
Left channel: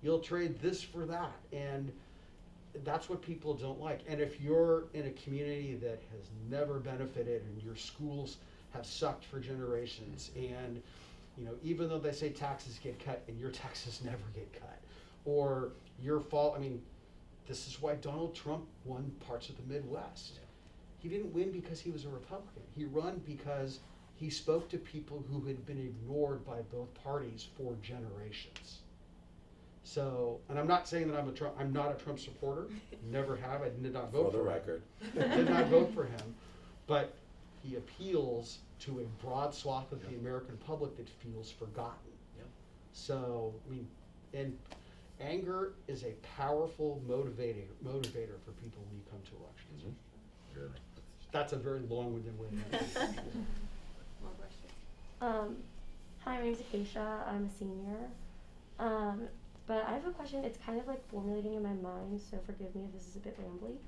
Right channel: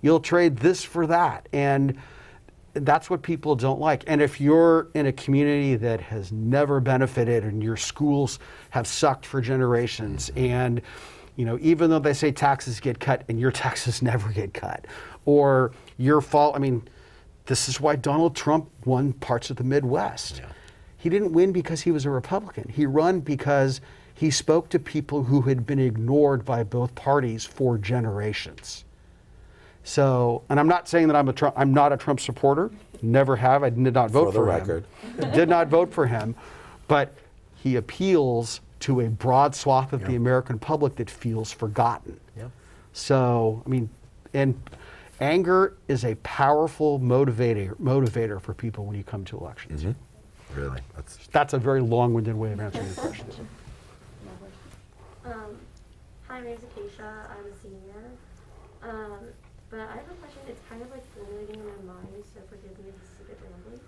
You'll trade this for that. And that's what people don't like. And if you're in a community that has never benefited and your schools have sucked for generations, and even though they say taxes get cut and your taxes never get cut, or your fault, I mean, this is why Donald Trump won parts of the Midwest. Yeah. He didn't win because he was a Republican. He won because he spoke to people who had been ignored by both parties for generations. So, and I'm not saying that I'm not a Trump supporter. Never have. I did not vote for him. For the record. Did not vote for him. But he appeals to a broad swath of the American public that feels forgotten. Yep. So, I mean, and anger is a powerful motivator for people when you come to elections. Mm-hmm. Really? That's a very long-winded way of answering the question. Hi, my name is Aisha. I'm a senior. But I have a question. It's kind of like formulating in my mind, so forgive me if this is a bit rambly.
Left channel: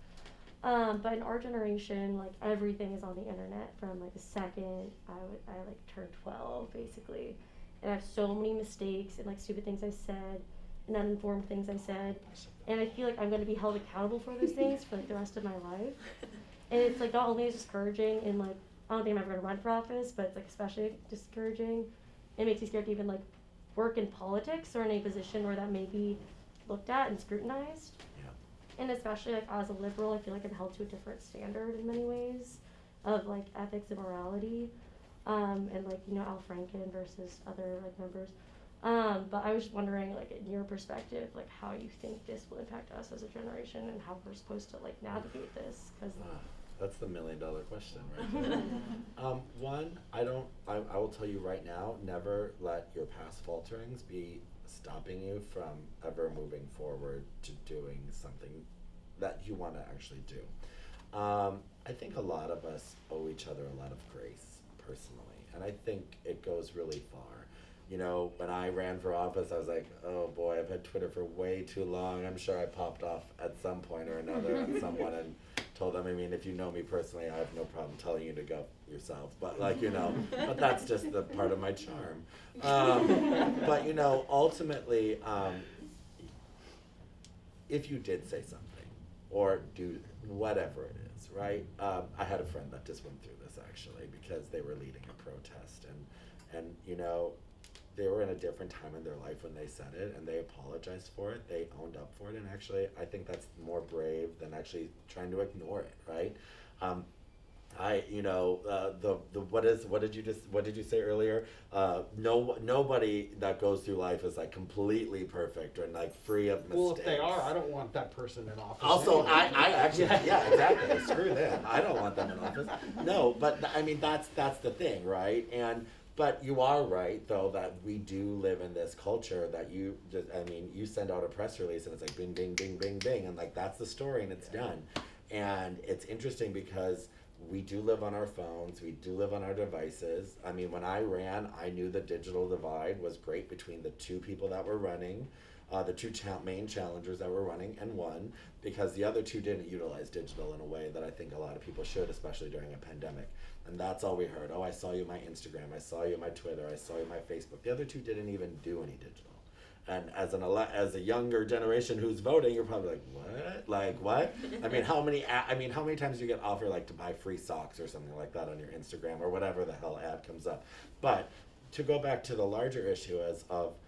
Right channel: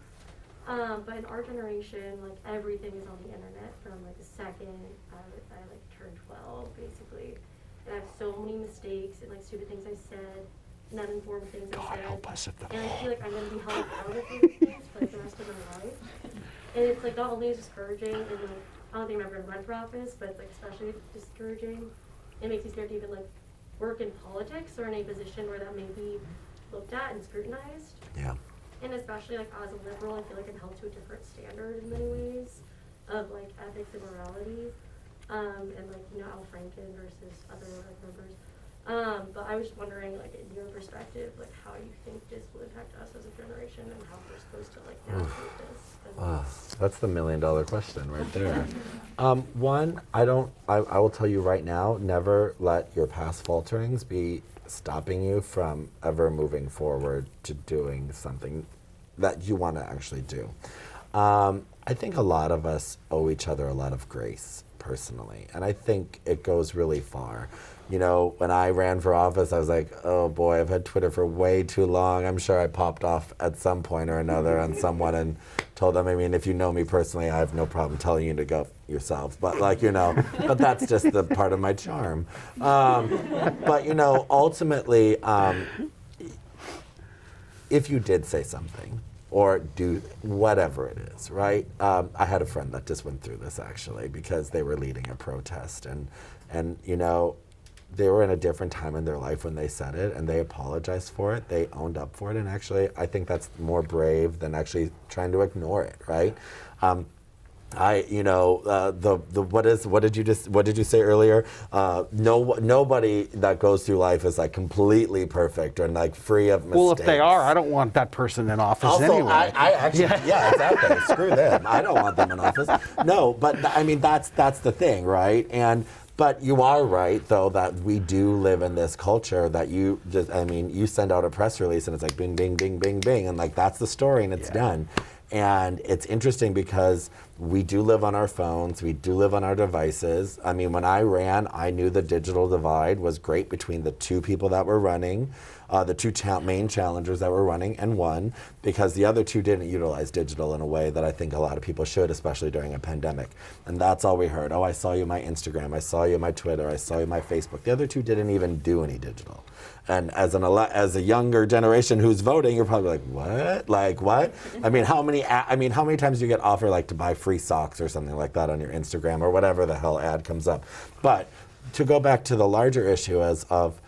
But in our generation, like everything is on the internet from like the second I like turned 12, basically. And I have so many mistakes and like stupid things I said, and uninformed things I God said. help us if And I feel like I'm gonna be held accountable for those things for like the rest of my life. And it's like not only discouraging and like I don't think I've ever run for office, but it's like especially discouraging. It makes you scared to even like work in politics or in a position where that may be looked at and scrutinized. Yeah. And especially like as a liberal, I feel like it held to a different standard in many ways of like ethics and morality. And like, Al Franken versus other like members. But I was just wondering, like, in your perspective, like how you think this will impact us as a generation and how we're supposed to like navigate this. That's the $1 million question right there. One, I will tell you right now, never let your past falterings be stopping you from ever moving forward to doing something that you want to actually do. I think a lot of us owe each other a lot of grace personally, and I think it goes really far. When I ran for office, I was like, oh boy, I've had Twitter for way too long. I'm sure I popped off at some point or another on someone and told them, I mean, if you know me personally, I have no problem telling you to go yourself. But but that's just the part of my charm. But ultimately, if you did say something or do whatever it is, right? I had a friend that just went through this actually because they were leading a protest and they were in a different time in their life when they said it, and they apologized for it. They owned up for it, and actually, I think that's more brave than actually trying to ignore it, right? What did you say earlier? Nobody that goes through life is like completely perfect or like free of mistakes. Well, if they are, I don't want that person in office also, anyway. I actually, yeah, exactly. Screw them. I don't want them in office. No, but I mean that's the thing, right? But you are right, though, that we do live in this culture that you send out a press release and it's like bing, bing, bing, bing, bing, and like that's the story and it's done. And it's interesting because we do live on our phones, we do live on our devices. I mean, when I ran, I knew the digital divide was great between the two people that were running, the two main challengers that were running and won, because the other two didn't utilize digital in a way that I think a lot of people should, especially during a pandemic. And that's all we heard. Oh, I saw you my Instagram, I saw you my Twitter, I saw you my Facebook. The other two didn't even do any digital. And as a younger generation who's voting, you're probably like, what? Like what? I mean, how many times do you get offered like to buy free socks or something like that on your Instagram or whatever the hell ad comes up? But to go back to the larger issue as of,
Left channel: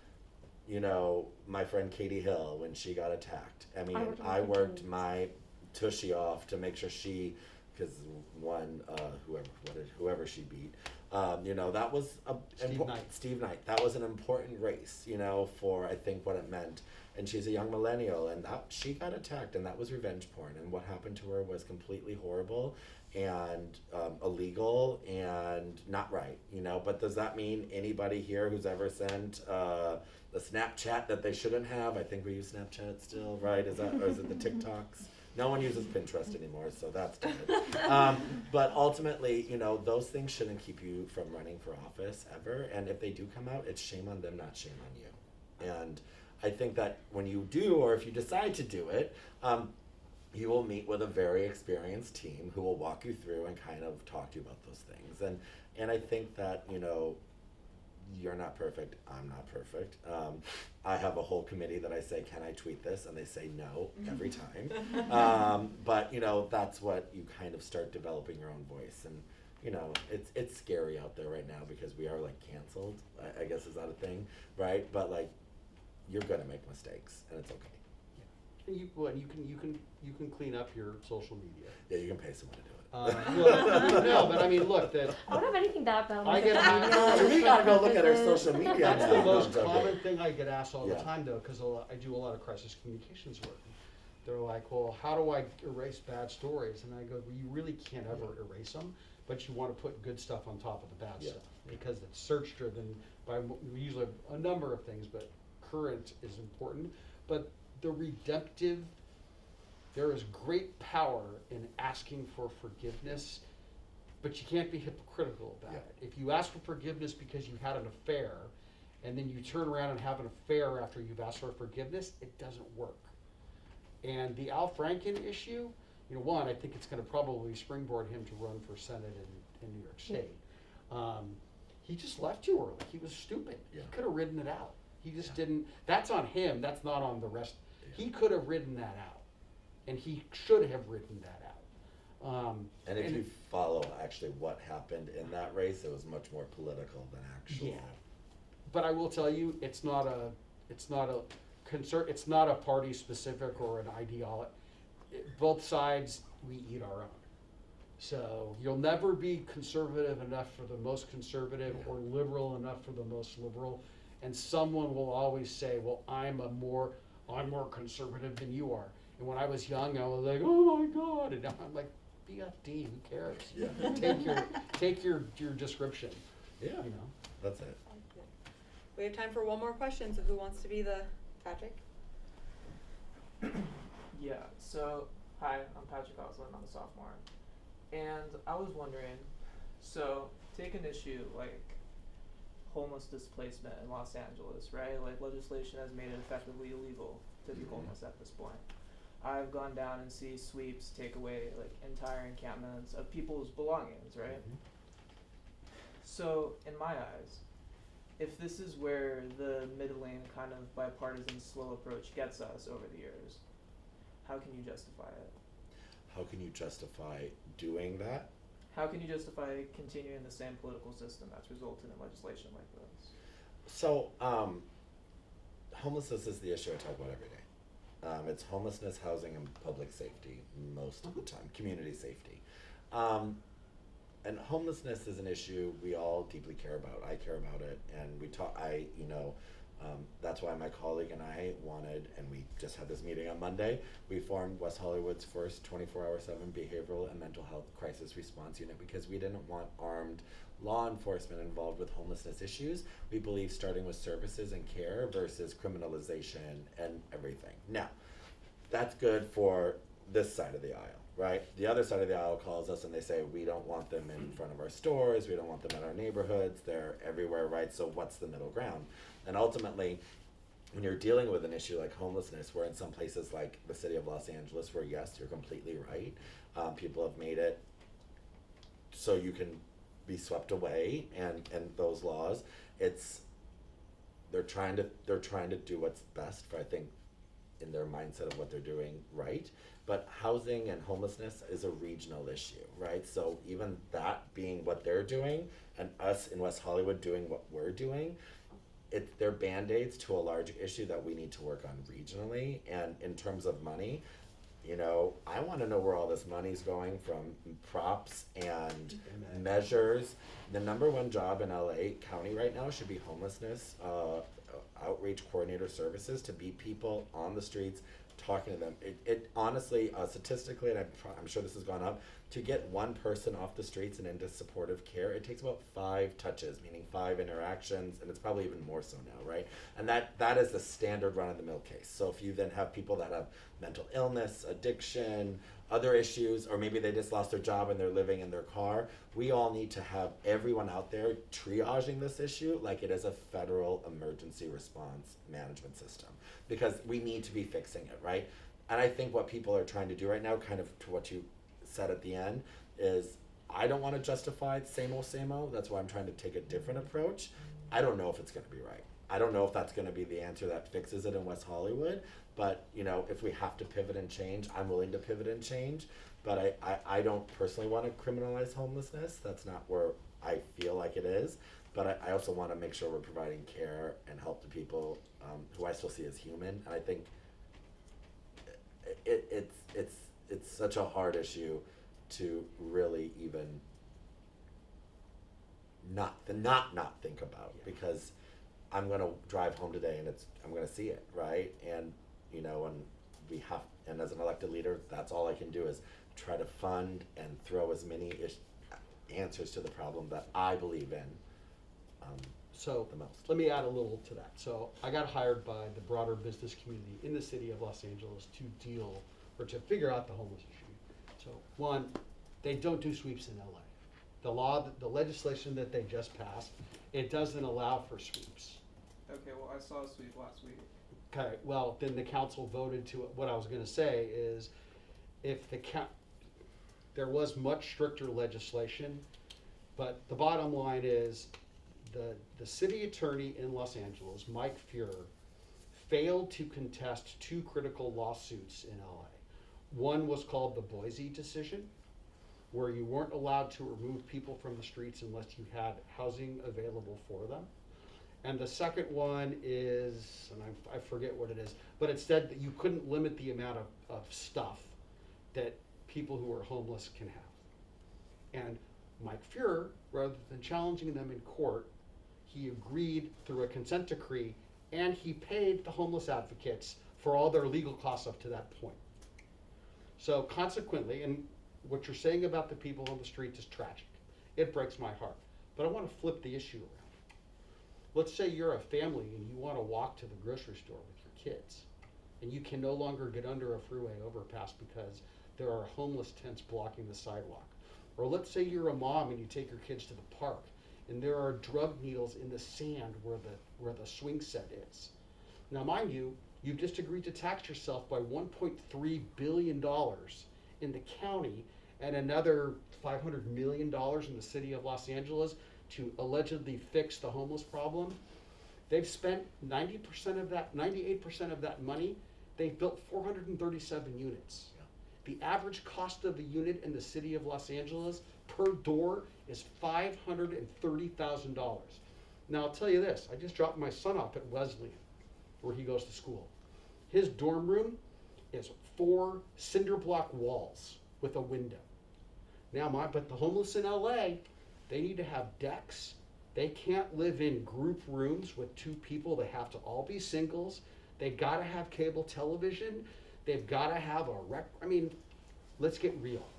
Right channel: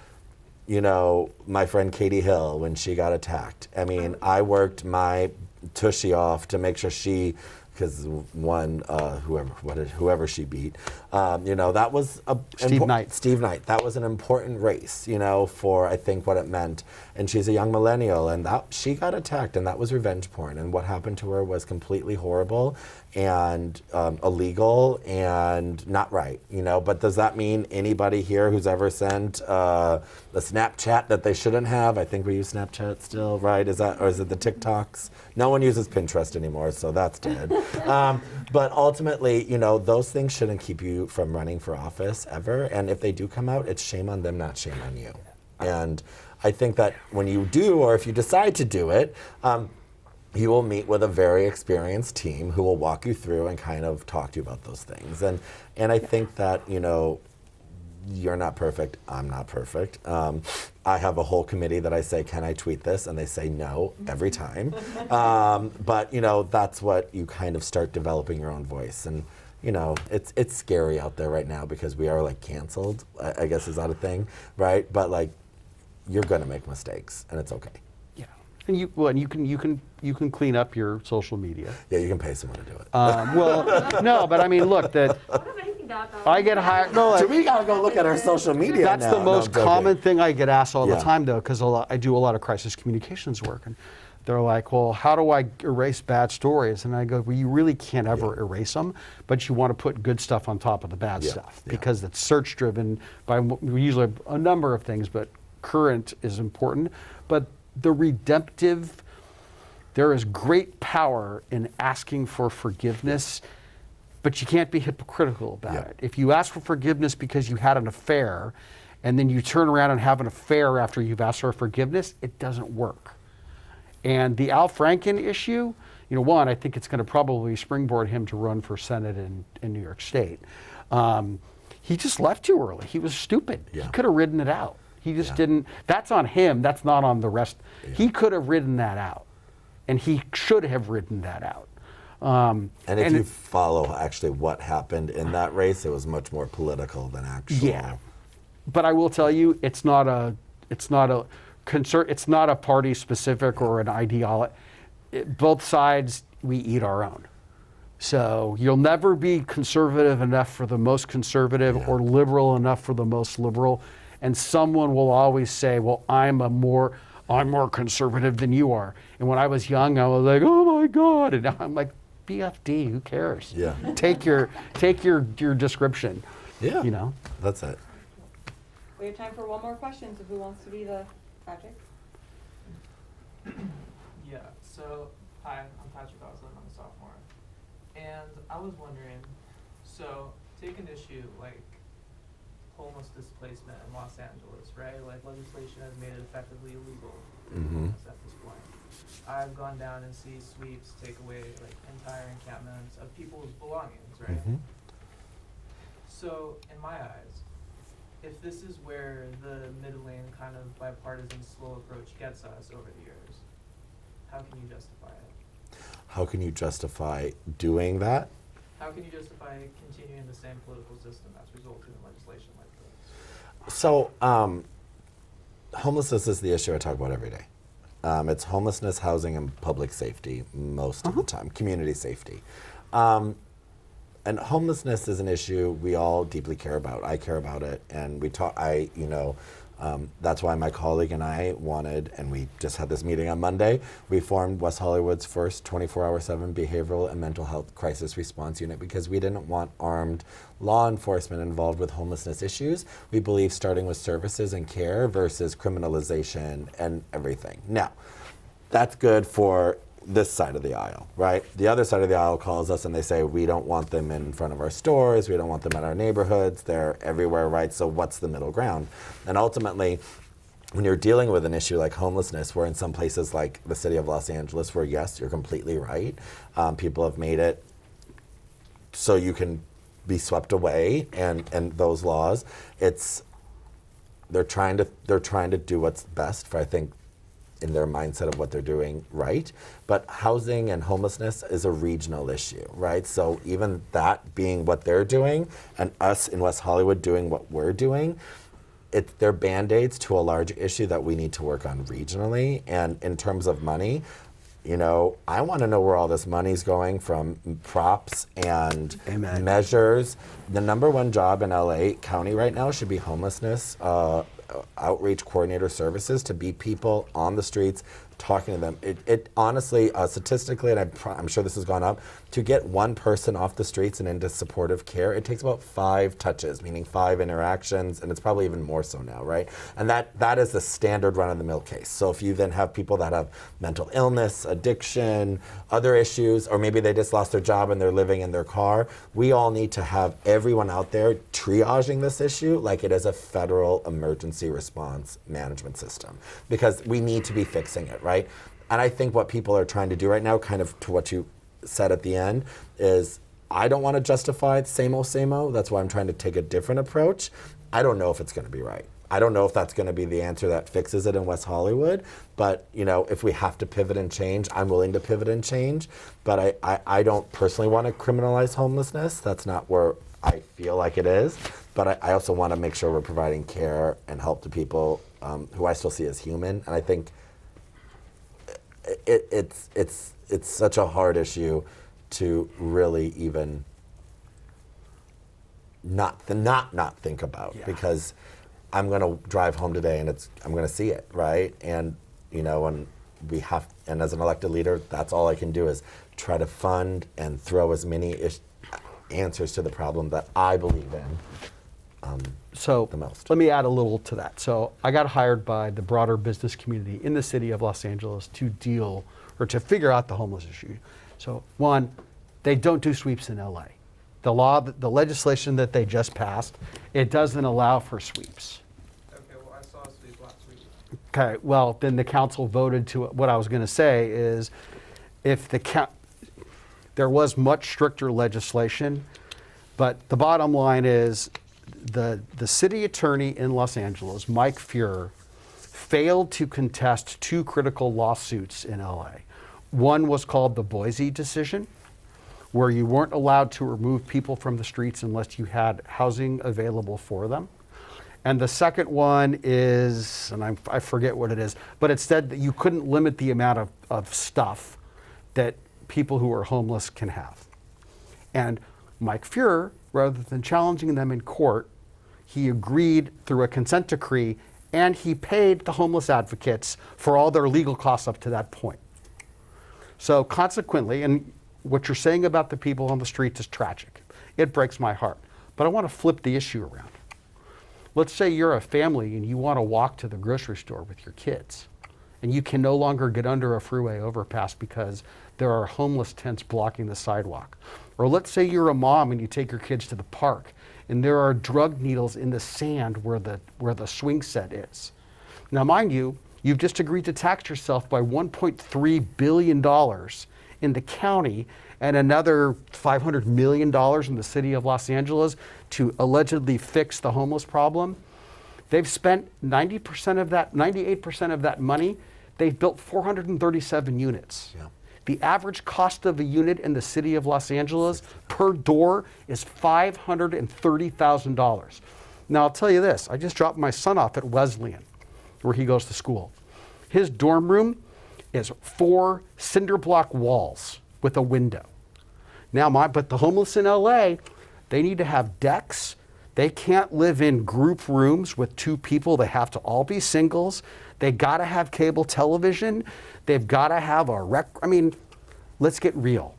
my friend Katie Hill, when she got attacked. I mean, I worked my tushy off to make sure she, because whoever she beat, that was Steve Knight. Steve Knight. That was an important race, for I think what it meant. And she's a young millennial, and she got attacked, and that was revenge porn. And what happened to her was completely horrible and illegal and not right, But does that mean anybody here who's ever sent a Snapchat that they shouldn't have? I think we use Snapchat still, right? Or is it the TikToks? No one uses Pinterest anymore, so that's dead. But ultimately, those things shouldn't keep you from running for office ever. And if they do come out, it's shame on them, not shame on you. And I think that when you do, or if you decide to do it, you will meet with a very experienced team who will walk you through and kind of talk to you about those things. And I think that, you know, you're not perfect, I'm not perfect. I have a whole committee that I say, can I tweet this? And they say no every time. But, you know, that's what you kind of start developing your own voice. And, you know, it's scary out there right now because we are like canceled, I guess is that a thing, right? But like, you're gonna make mistakes and it's okay. Yeah, and you can clean up your social media. Yeah, you can pay someone to do it. Well, no, but I mean, look, that I don't have anything that bad. I get hired. No, We gotta go look at our social media that's now. the No, most I'm joking. common thing I get asked all the Yeah. time, though, because I do a lot of crisis communications work, and they're like, "Well, how do I erase bad stories?" And I go, "Well, you really can't ever erase them, but you want to put good stuff on top of the bad Yeah, stuff yeah. because it's search driven by we usually have a number of things, but current is important. But the redemptive, there is great power in asking for forgiveness." But you can't be hypocritical about Yeah. it. If you ask for forgiveness because you had an affair, and then you turn around and have an affair after you've asked for forgiveness, it doesn't work. And the Al Franken issue, you know, one, I think it's going to probably springboard him to run for Senate in New York State. He just left too early. He was stupid. Yeah. He could have ridden it out. He just Yeah. didn't. That's on him. That's not on the rest. Yeah. He could have ridden that out, and he should have ridden that out. And if you follow actually what happened in that race, it was much more political than actual. Yeah, but I will tell you, it's not a concern. It's not a party specific or an ideology. Both sides, we eat our own. So you'll never be conservative enough for the most conservative Yeah. or liberal enough for the most liberal. And someone will always say, "Well, I'm more conservative than you are." And when I was young, I was like, "Oh my God!" And now I'm like, BFD, who cares? Yeah. Take your description. Yeah. You know. That's it. We have time for one more question, so who wants to be the Patrick? Yeah, so, hi, I'm Patrick Oslin, I'm a sophomore. And I was wondering, so, take an issue like homeless displacement in Los Angeles, right? Like legislation has made it effectively illegal to be homeless at this point. I've gone down and see sweeps take away like entire encampments of people's belongings, right? Mhm. So, in my eyes, if this is where the middling kind of bipartisan slow approach gets us over the years, how can you justify it? How can you justify doing that? How can you justify continuing the same political system that's resulted in legislation like this? So, homelessness is the issue I talk about every day. It's homelessness, housing, and public safety most of the time, community safety. And homelessness is an issue we all deeply care about. I care about it, and we talk. That's why my colleague and I wanted, and we just had this meeting on Monday. We formed West Hollywood's first 24/7 behavioral and mental health crisis response unit because we didn't want armed law enforcement involved with homelessness issues. We believe starting with services and care versus criminalization and everything. Now, that's good for this side of the aisle, right? The other side of the aisle calls us and they say, we don't want them in front of our stores, we don't want them in our neighborhoods, they're everywhere, right? So what's the middle ground? And ultimately, when you're dealing with an issue like homelessness, we're in some places like the city of Los Angeles where, yes, you're completely right. People have made it so you can be swept away, and those laws, they're trying to do what's best for, I think, in their mindset of what they're doing right. But housing and homelessness is a regional issue, right? So even that being what they're doing and us in West Hollywood doing what we're doing, they're Band-Aids to a large issue that we need to work on regionally. And in terms of money, you know, I want to know where all this money's going from props and Amen. measures. The number one job in LA County right now should be homelessness outreach coordinator services, to be people on the streets talking to them. It honestly, statistically, and I'm sure this has gone up, to get one person off the streets and into supportive care, it takes about 5 touches, meaning 5 interactions, and it's probably even more so now, right? And that is the standard run-of-the-mill case. So if you then have people that have mental illness, addiction, other issues, or maybe they just lost their job and they're living in their car, we all need to have everyone out there triaging this issue like it is a federal emergency response management system, because we need to be fixing it, right? And I think what people are trying to do right now, kind of to what you said at the end, is I don't want to justify it, same old. That's why I'm trying to take a different approach. I don't know if it's going to be right. I don't know if that's going to be the answer that fixes it in West Hollywood. But if we have to pivot and change, I'm willing to pivot and change. But I don't personally want to criminalize homelessness. That's not where I feel like it is. But I also want to make sure we're providing care and help to people who I still see as human. And I think it's such a hard issue to really even not think about, because I'm going to drive home today and I'm going to see it, right? And and as an elected leader, that's all I can do is try to fund and throw as many answers to the problem that I believe in. So the most. let me add a little to that. So I got hired by the broader business community in the city of Los Angeles to figure out the homeless issue. So one, they don't do sweeps in LA. The legislation that they just passed, it doesn't allow for sweeps. Okay, well, I saw a sweep last week. Okay, well, then the council voted to, what I was going to say is, if there was much stricter legislation, but the bottom line is, the city attorney in Los Angeles, Mike Fuhrer, failed to contest two critical lawsuits in LA. One was called the Boise decision, where you weren't allowed to remove people from the streets unless you had housing available for them. And the second one is, and I forget what it is, but it said that you couldn't limit the amount of stuff that people who are homeless can have. And Mike Fuhrer, rather than challenging them in court, he agreed through a consent decree, and he paid the homeless advocates for all their legal costs up to that point. So consequently, and what you're saying about the people on the streets is tragic. It breaks my heart. But I want to flip the issue around. Let's say you're a family and you want to walk to the grocery store with your kids, and you can no longer get under a freeway overpass because there are homeless tents blocking the sidewalk. Or let's say you're a mom and you take your kids to the park, and there are drug needles in the sand where the swing set is. Now, mind you, you've just agreed to tax yourself by $1.3 billion in the county and another $500 million in the city of Los Angeles to allegedly fix the homeless problem. They've spent 98% of that money. They've built 437 units. Yeah. The average cost of a unit in the city of Los Angeles per door is $530,000. Now, I'll tell you this. I just dropped my son off at Wesleyan, where he goes to school. His dorm room is 4 cinder block walls with a window. Now, but the homeless in LA, they need to have decks. They can't live in group rooms with 2 people. They have to all be singles. They got to have cable television. They've got to have let's get real.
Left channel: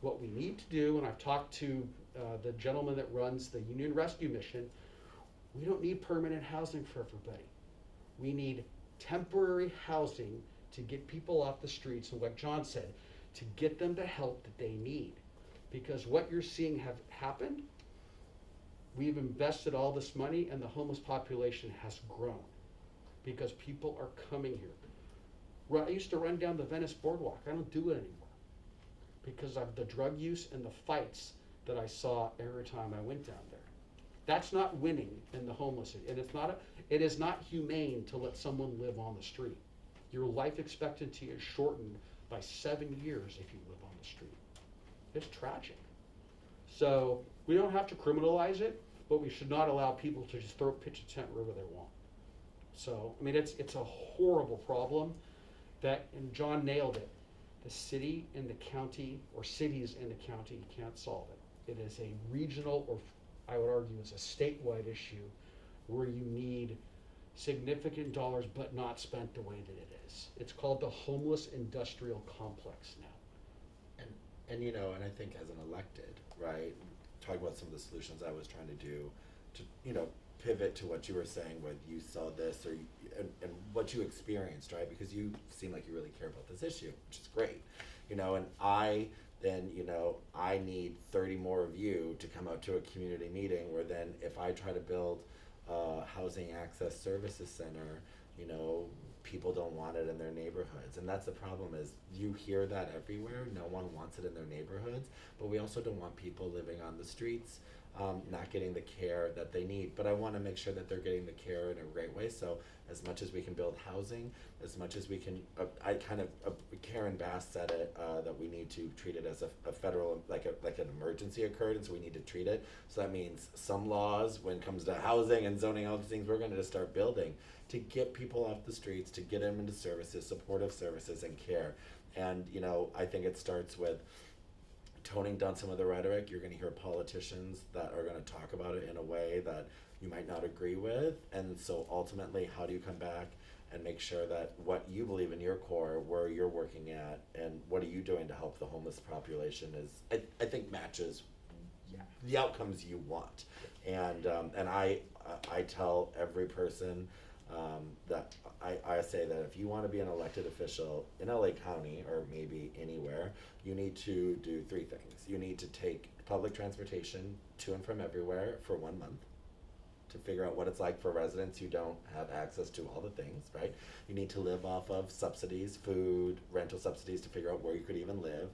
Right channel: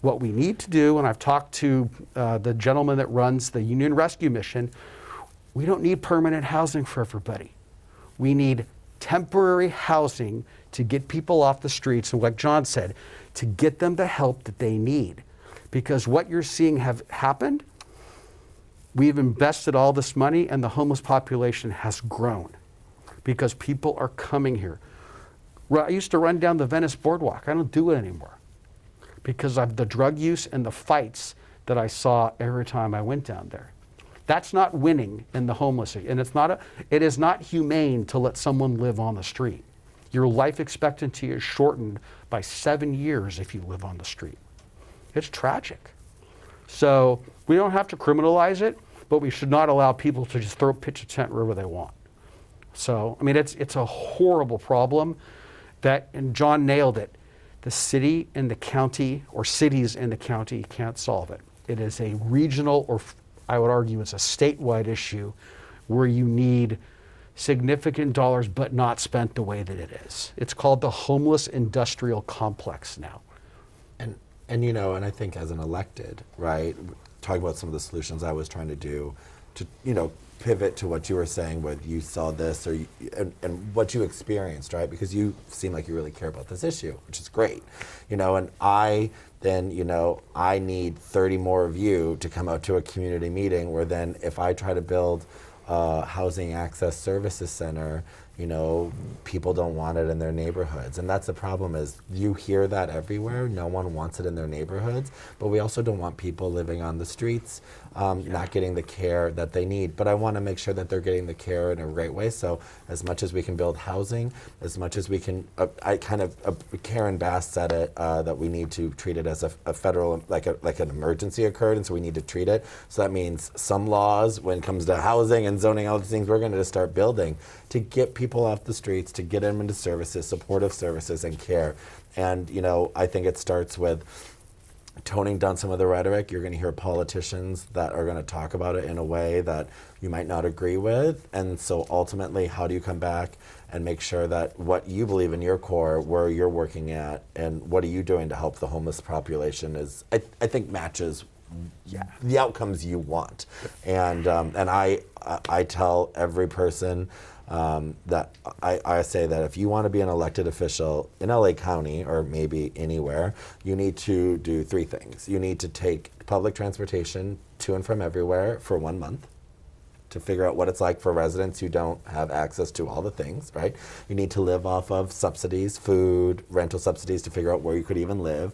What we need to do, and I've talked to the gentleman that runs the Union Rescue Mission, we don't need permanent housing for everybody. We need temporary housing to get people off the streets, and like John said, to get them the help that they need. Because what you're seeing have happened, we've invested all this money and the homeless population has grown because people are coming here. I used to run down the Venice Boardwalk. I don't do it anymore because of the drug use and the fights that I saw every time I went down there. That's not winning in the homeless, and it is not humane to let someone live on the street. Your life expectancy is shortened by 7 years if you live on the street. It's tragic. So we don't have to criminalize it, but we should not allow people to just pitch a tent wherever they want. So, it's a horrible problem and John nailed it. The city and the county, or cities in the county, can't solve it. It is a regional, or I would argue it's a statewide issue where you need significant dollars but not spent the way that it is. It's called the homeless industrial complex now. And I think as an elected, right, talking about some of the solutions I was trying to do to, pivot to what you were saying, where you saw this and what you experienced, right? Because you seem like you really care about this issue, which is great, and I need 30 more of you to come out to a community meeting where then if I try to build a housing access services center people don't want it in their neighborhoods. And that's the problem, is you hear that everywhere. No one wants it in their neighborhoods, but we also don't want people living on the streets, not getting the care that they need. But I want to make sure that they're getting the care in a right way. So as much as we can build housing, as much as we can, Karen Bass said it, that we need to treat it as a federal, like an emergency occurred, and so we need to treat it. So that means some laws, when it comes to housing and zoning, all these things, we're going to start building to get people off the streets, to get them into services, supportive services and care. And, I think it starts with toning down some of the rhetoric. You're going to hear politicians that are going to talk about it in a way that you might not agree with. And so ultimately, how do you come back and make sure that what you believe in your core, where you're working at, and what are you doing to help the homeless population is, I think, matches the outcomes you want. And I tell every person that I say that if you want to be an elected official in LA County, or maybe anywhere, you need to do 3 things. You need to take public transportation to and from everywhere for 1 month to figure out what it's like for residents who don't have access to all the things, right? You need to live off of subsidies, food, rental subsidies, to figure out where you could even live.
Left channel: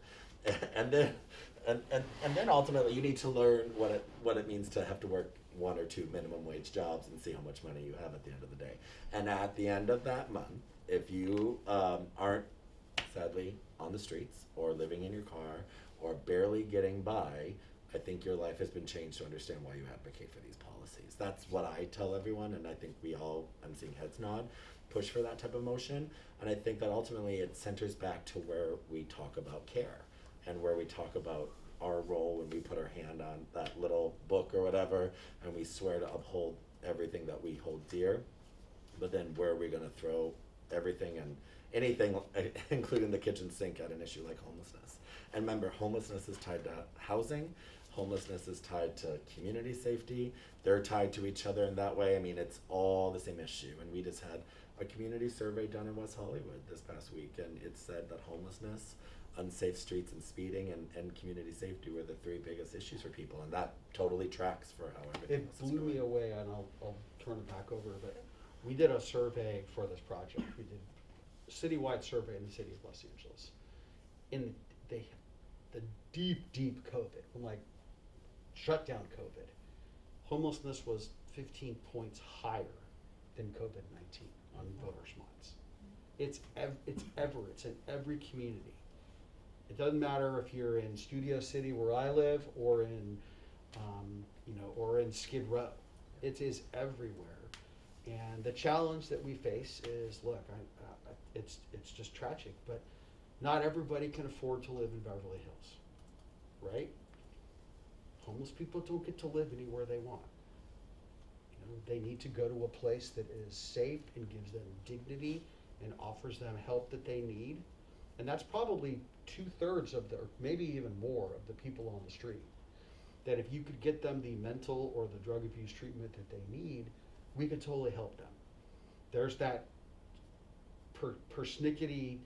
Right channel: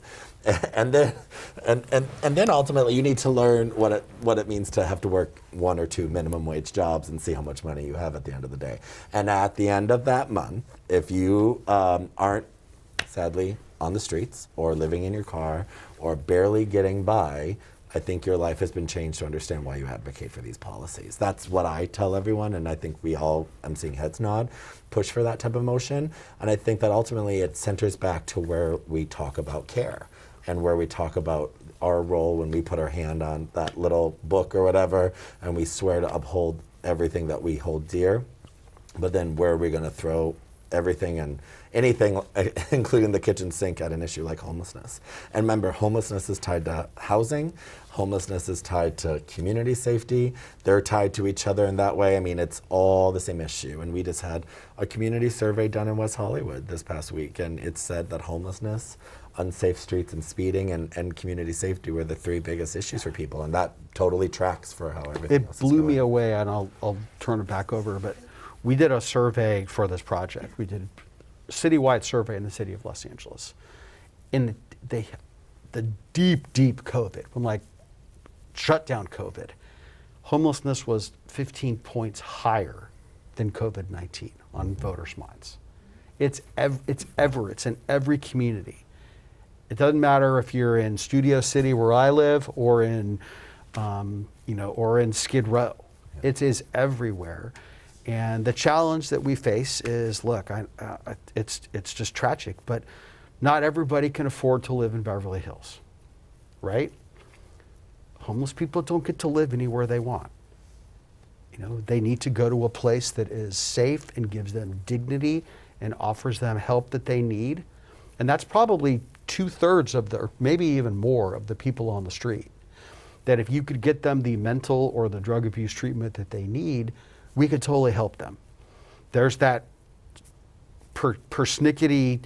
And then ultimately you need to learn what it means to have to work 1 or 2 minimum wage jobs and see how much money you have at the end of the day. And at the end of that month, if you aren't sadly on the streets or living in your car or barely getting by, I think your life has been changed to understand why you advocate for these policies. That's what I tell everyone, and I think we all, I'm seeing heads nod, push for that type of motion. And I think that ultimately it centers back to where we talk about care and where we talk about our role when we put our hand on that little book or whatever, and we swear to uphold everything that we hold dear. But then where are we going to throw everything and anything, including the kitchen sink, at an issue like homelessness? And remember, homelessness is tied to housing. Homelessness is tied to community safety. They're tied to each other in that way. I mean, it's all the same issue. And we just had a community survey done in West Hollywood this past week, and it said that homelessness, unsafe streets, and speeding and community safety were the 3 biggest issues for people. And that totally tracks for how everything else is It blew going. me away, and I'll turn it back over, but we did a survey for this project. We did a citywide survey in the city of Los Angeles. In the deep COVID, when shut down COVID, homelessness was 15 points higher than COVID-19 on voters' minds. It's in every community. It doesn't matter if you're in Studio City, where I live, or in, or in Skid Row. It is everywhere. And the challenge that we face is, look, it's just tragic, but not everybody can afford to live in Beverly Hills, right? Homeless people don't get to live anywhere they want. They need to go to a place that is safe and gives them dignity and offers them help that they need. And that's probably 2/3 of or maybe even more of the people on the street. That if you could get them the mental or the drug abuse treatment that they need, we could totally help them. There's that persnickety,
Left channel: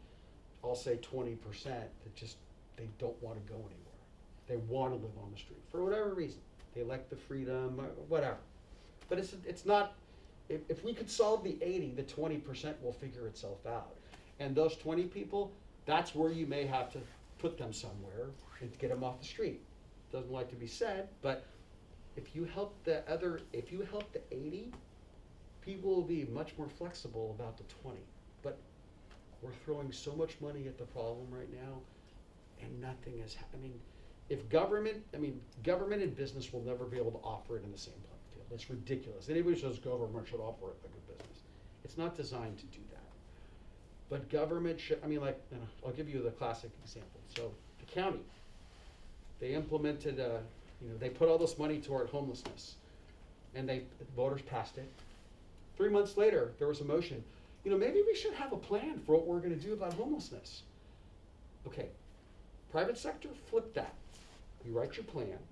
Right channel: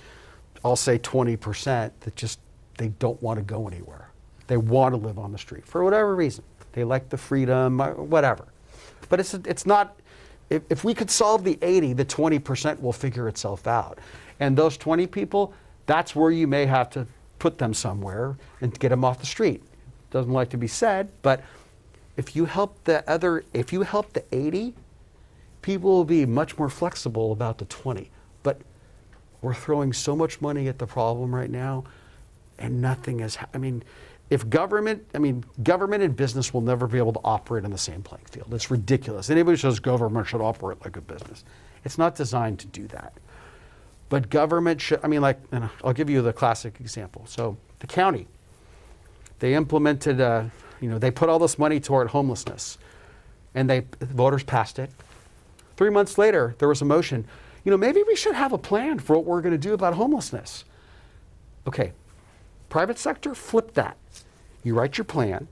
I'll say 20%, that just, they don't want to go anywhere. They want to live on the street for whatever reason. They like the freedom, whatever. But it's not, if we could solve the 80, the 20% will figure itself out. And those 20 people, that's where you may have to put them somewhere and get them off the street. Doesn't like to be said, but if you help the 80, people will be much more flexible about the 20. But we're throwing so much money at the problem right now, and nothing is, government and business will never be able to operate on the same playing field. It's ridiculous. Anybody who says government should operate like a business, it's not designed to do that. But government should, I'll give you the classic example. So the county, they implemented, they put all this money toward homelessness, and voters passed it. 3 months later, there was a motion, maybe we should have a plan for what we're going to do about homelessness. Okay, private sector, flip that. You write your plan,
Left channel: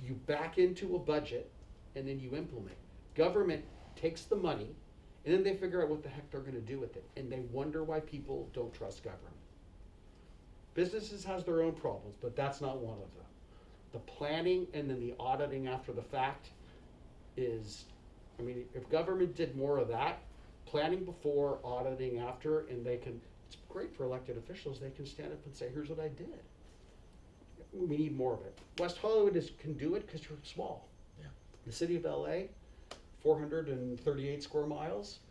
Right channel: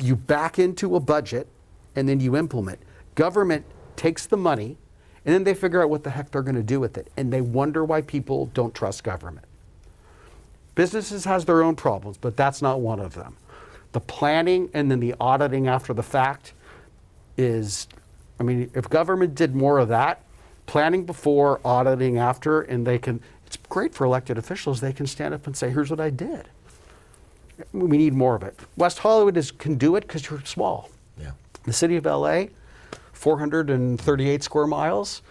you back into a budget, and then you implement. Government takes the money, and then they figure out what the heck they're going to do with it, and they wonder why people don't trust government. Businesses has their own problems, but that's not one of them. The planning and then the auditing after the fact is, if government did more of that, planning before, auditing after, and it's great for elected officials. They can stand up and say, here's what I did. We need more of it. West Hollywood can do it because you're small. Yeah. The city of LA, 438 square miles,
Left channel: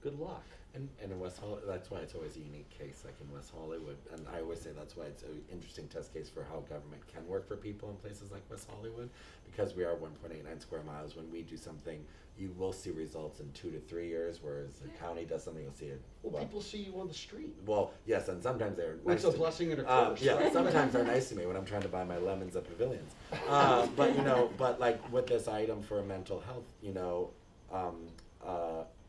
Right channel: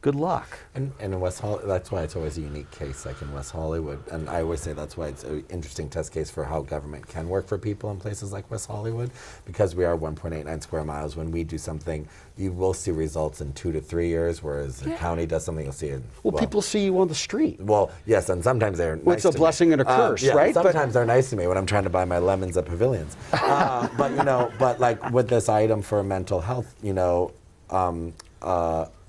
good luck. And in West Hollywood, that's why it's always a unique case, like in West Hollywood. And I always say that's why it's an interesting test case for how government can work for people in places like West Hollywood, because we are 1.89 square miles. When we do something, you will see results in 2 to 3 years, whereas the county does something, you'll see it. Well, people see you on the street. Well, yes, and sometimes they're nice Well, it's a to blessing me. and a curse, Yeah, right? Sometimes they're nice to me when I'm trying to buy my lemons at Pavilions. But like with this item for mental health,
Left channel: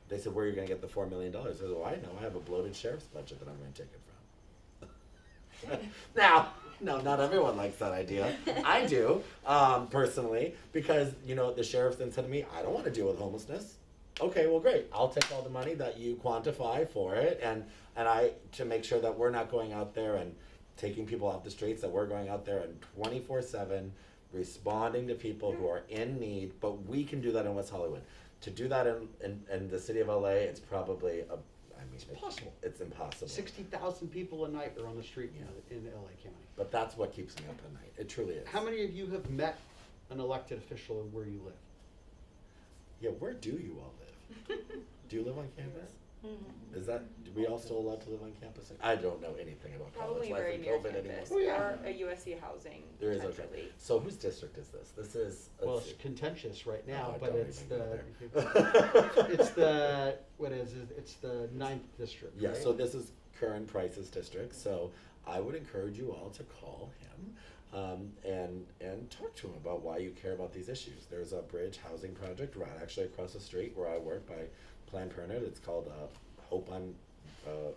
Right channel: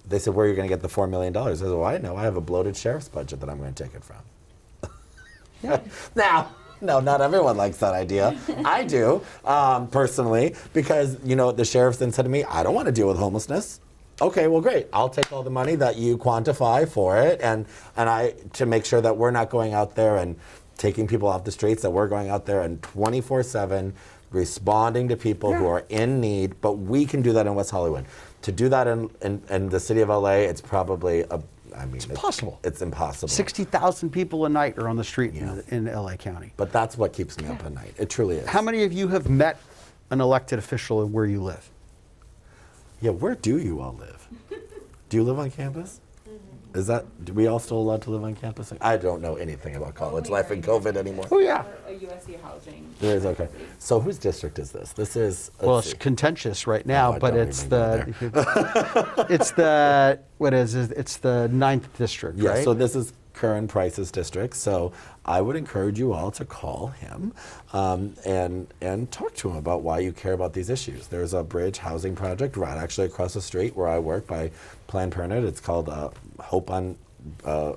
they said, where are you going to get the $4 million? I said, well, I know. I have a bloated sheriff's budget that I'm going to take it from. Now, no, not everyone likes that idea. I do, personally, because, the sheriff then said to me, I don't want to deal with homelessness. Okay, well, great. I'll take all the money that you quantify for it, and I to make sure that we're not going out there and taking people off the streets, that we're going out there and 24/7 responding to people who are in need, but we can do that in West Hollywood. To do that in the city of LA, it's probably it's impossible. It's impossible. 60,000 people a night are on the street in LA County. But that's what keeps me up at night. It truly is. How many of you have met an elected official where you live? Yeah, where do you all live? Do you live on campus? Do we all still allowed to live on campus? I don't know anything about college life and COVID anymore. Oh, yeah. A USC housing. There is, okay. So whose district is this? This is, Well, it's contentious right now, I but don't it's even go it's the, what is it? It's the 9th district, Yeah, right? so this is Curran Price's district. So I would encourage you all to call him and talk to him about why you care about these issues. There's a bridge housing project right actually across the street where I work by Planned Parenthood. It's called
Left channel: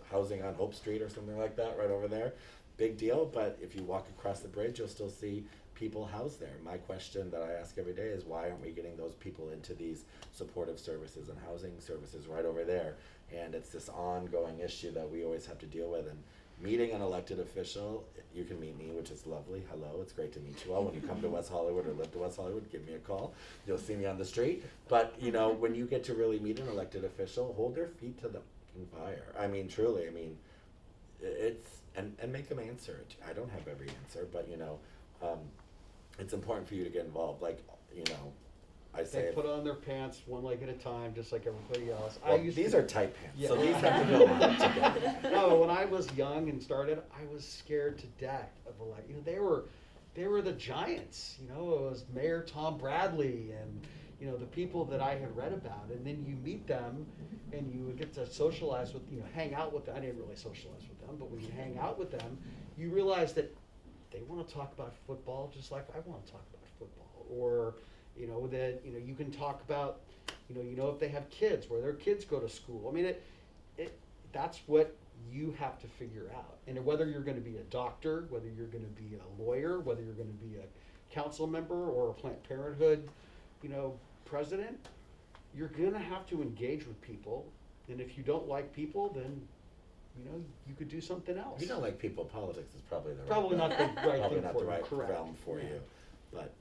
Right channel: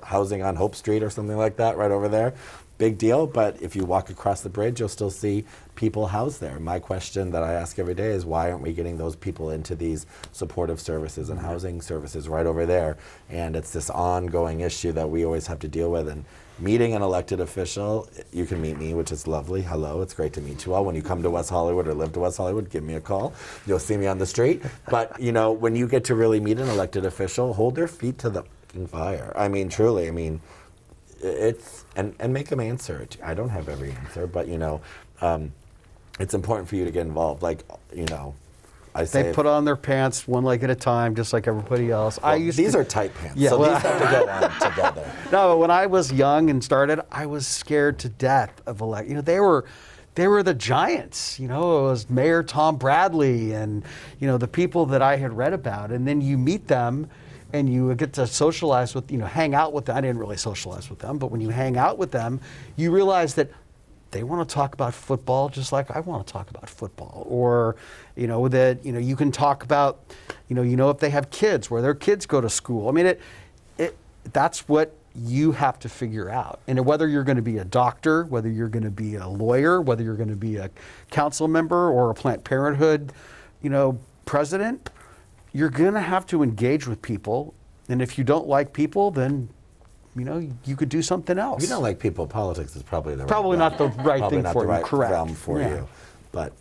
Housing on Hope Street or something like that right over there. Big deal, but if you walk across the bridge, you'll still see people housed there. My question that I ask every day is why aren't we getting those people into these supportive services and housing services right over there? And it's this ongoing issue that we always have to deal with. And meeting an elected official, you can meet me, which is lovely. Hello, it's great to meet you all. When you come to West Hollywood or live to West Hollywood, give me a call. You'll see me on the street. But when you get to really meet an elected official, hold their feet to the fucking fire. I mean, truly, it's, and make them answer it. I don't have every answer, but it's important for you to get involved. I say They put on their pants one leg at a time, just like everybody else. these are tight pants, Yeah, so well- these have to go on together. No, but when I was young and started, I was scared to death of they were the giants. It was Mayor Tom Bradley and the people that I had read about, and then you meet them. And you get to socialize with, hang out with them. I didn't really socialize with them, but when you hang out with them, you realize that they want to talk about football just like I want to talk about football. Or, that, you can talk about, if they have kids, where their kids go to school. I mean, that's what you have to figure out. And whether you're going to be a doctor, whether you're going to be a lawyer, whether you're going to be a council member or a Planned Parenthood, president, you're going to have to engage with people. And if you don't like people, then, you could do something else. If you don't like people, politics is probably the Probably not the right probably thing not for the you, right correct. realm for Yeah. you. But,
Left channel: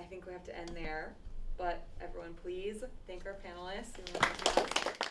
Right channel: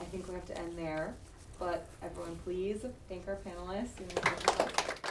I think we have to end there, but everyone please thank our panelists.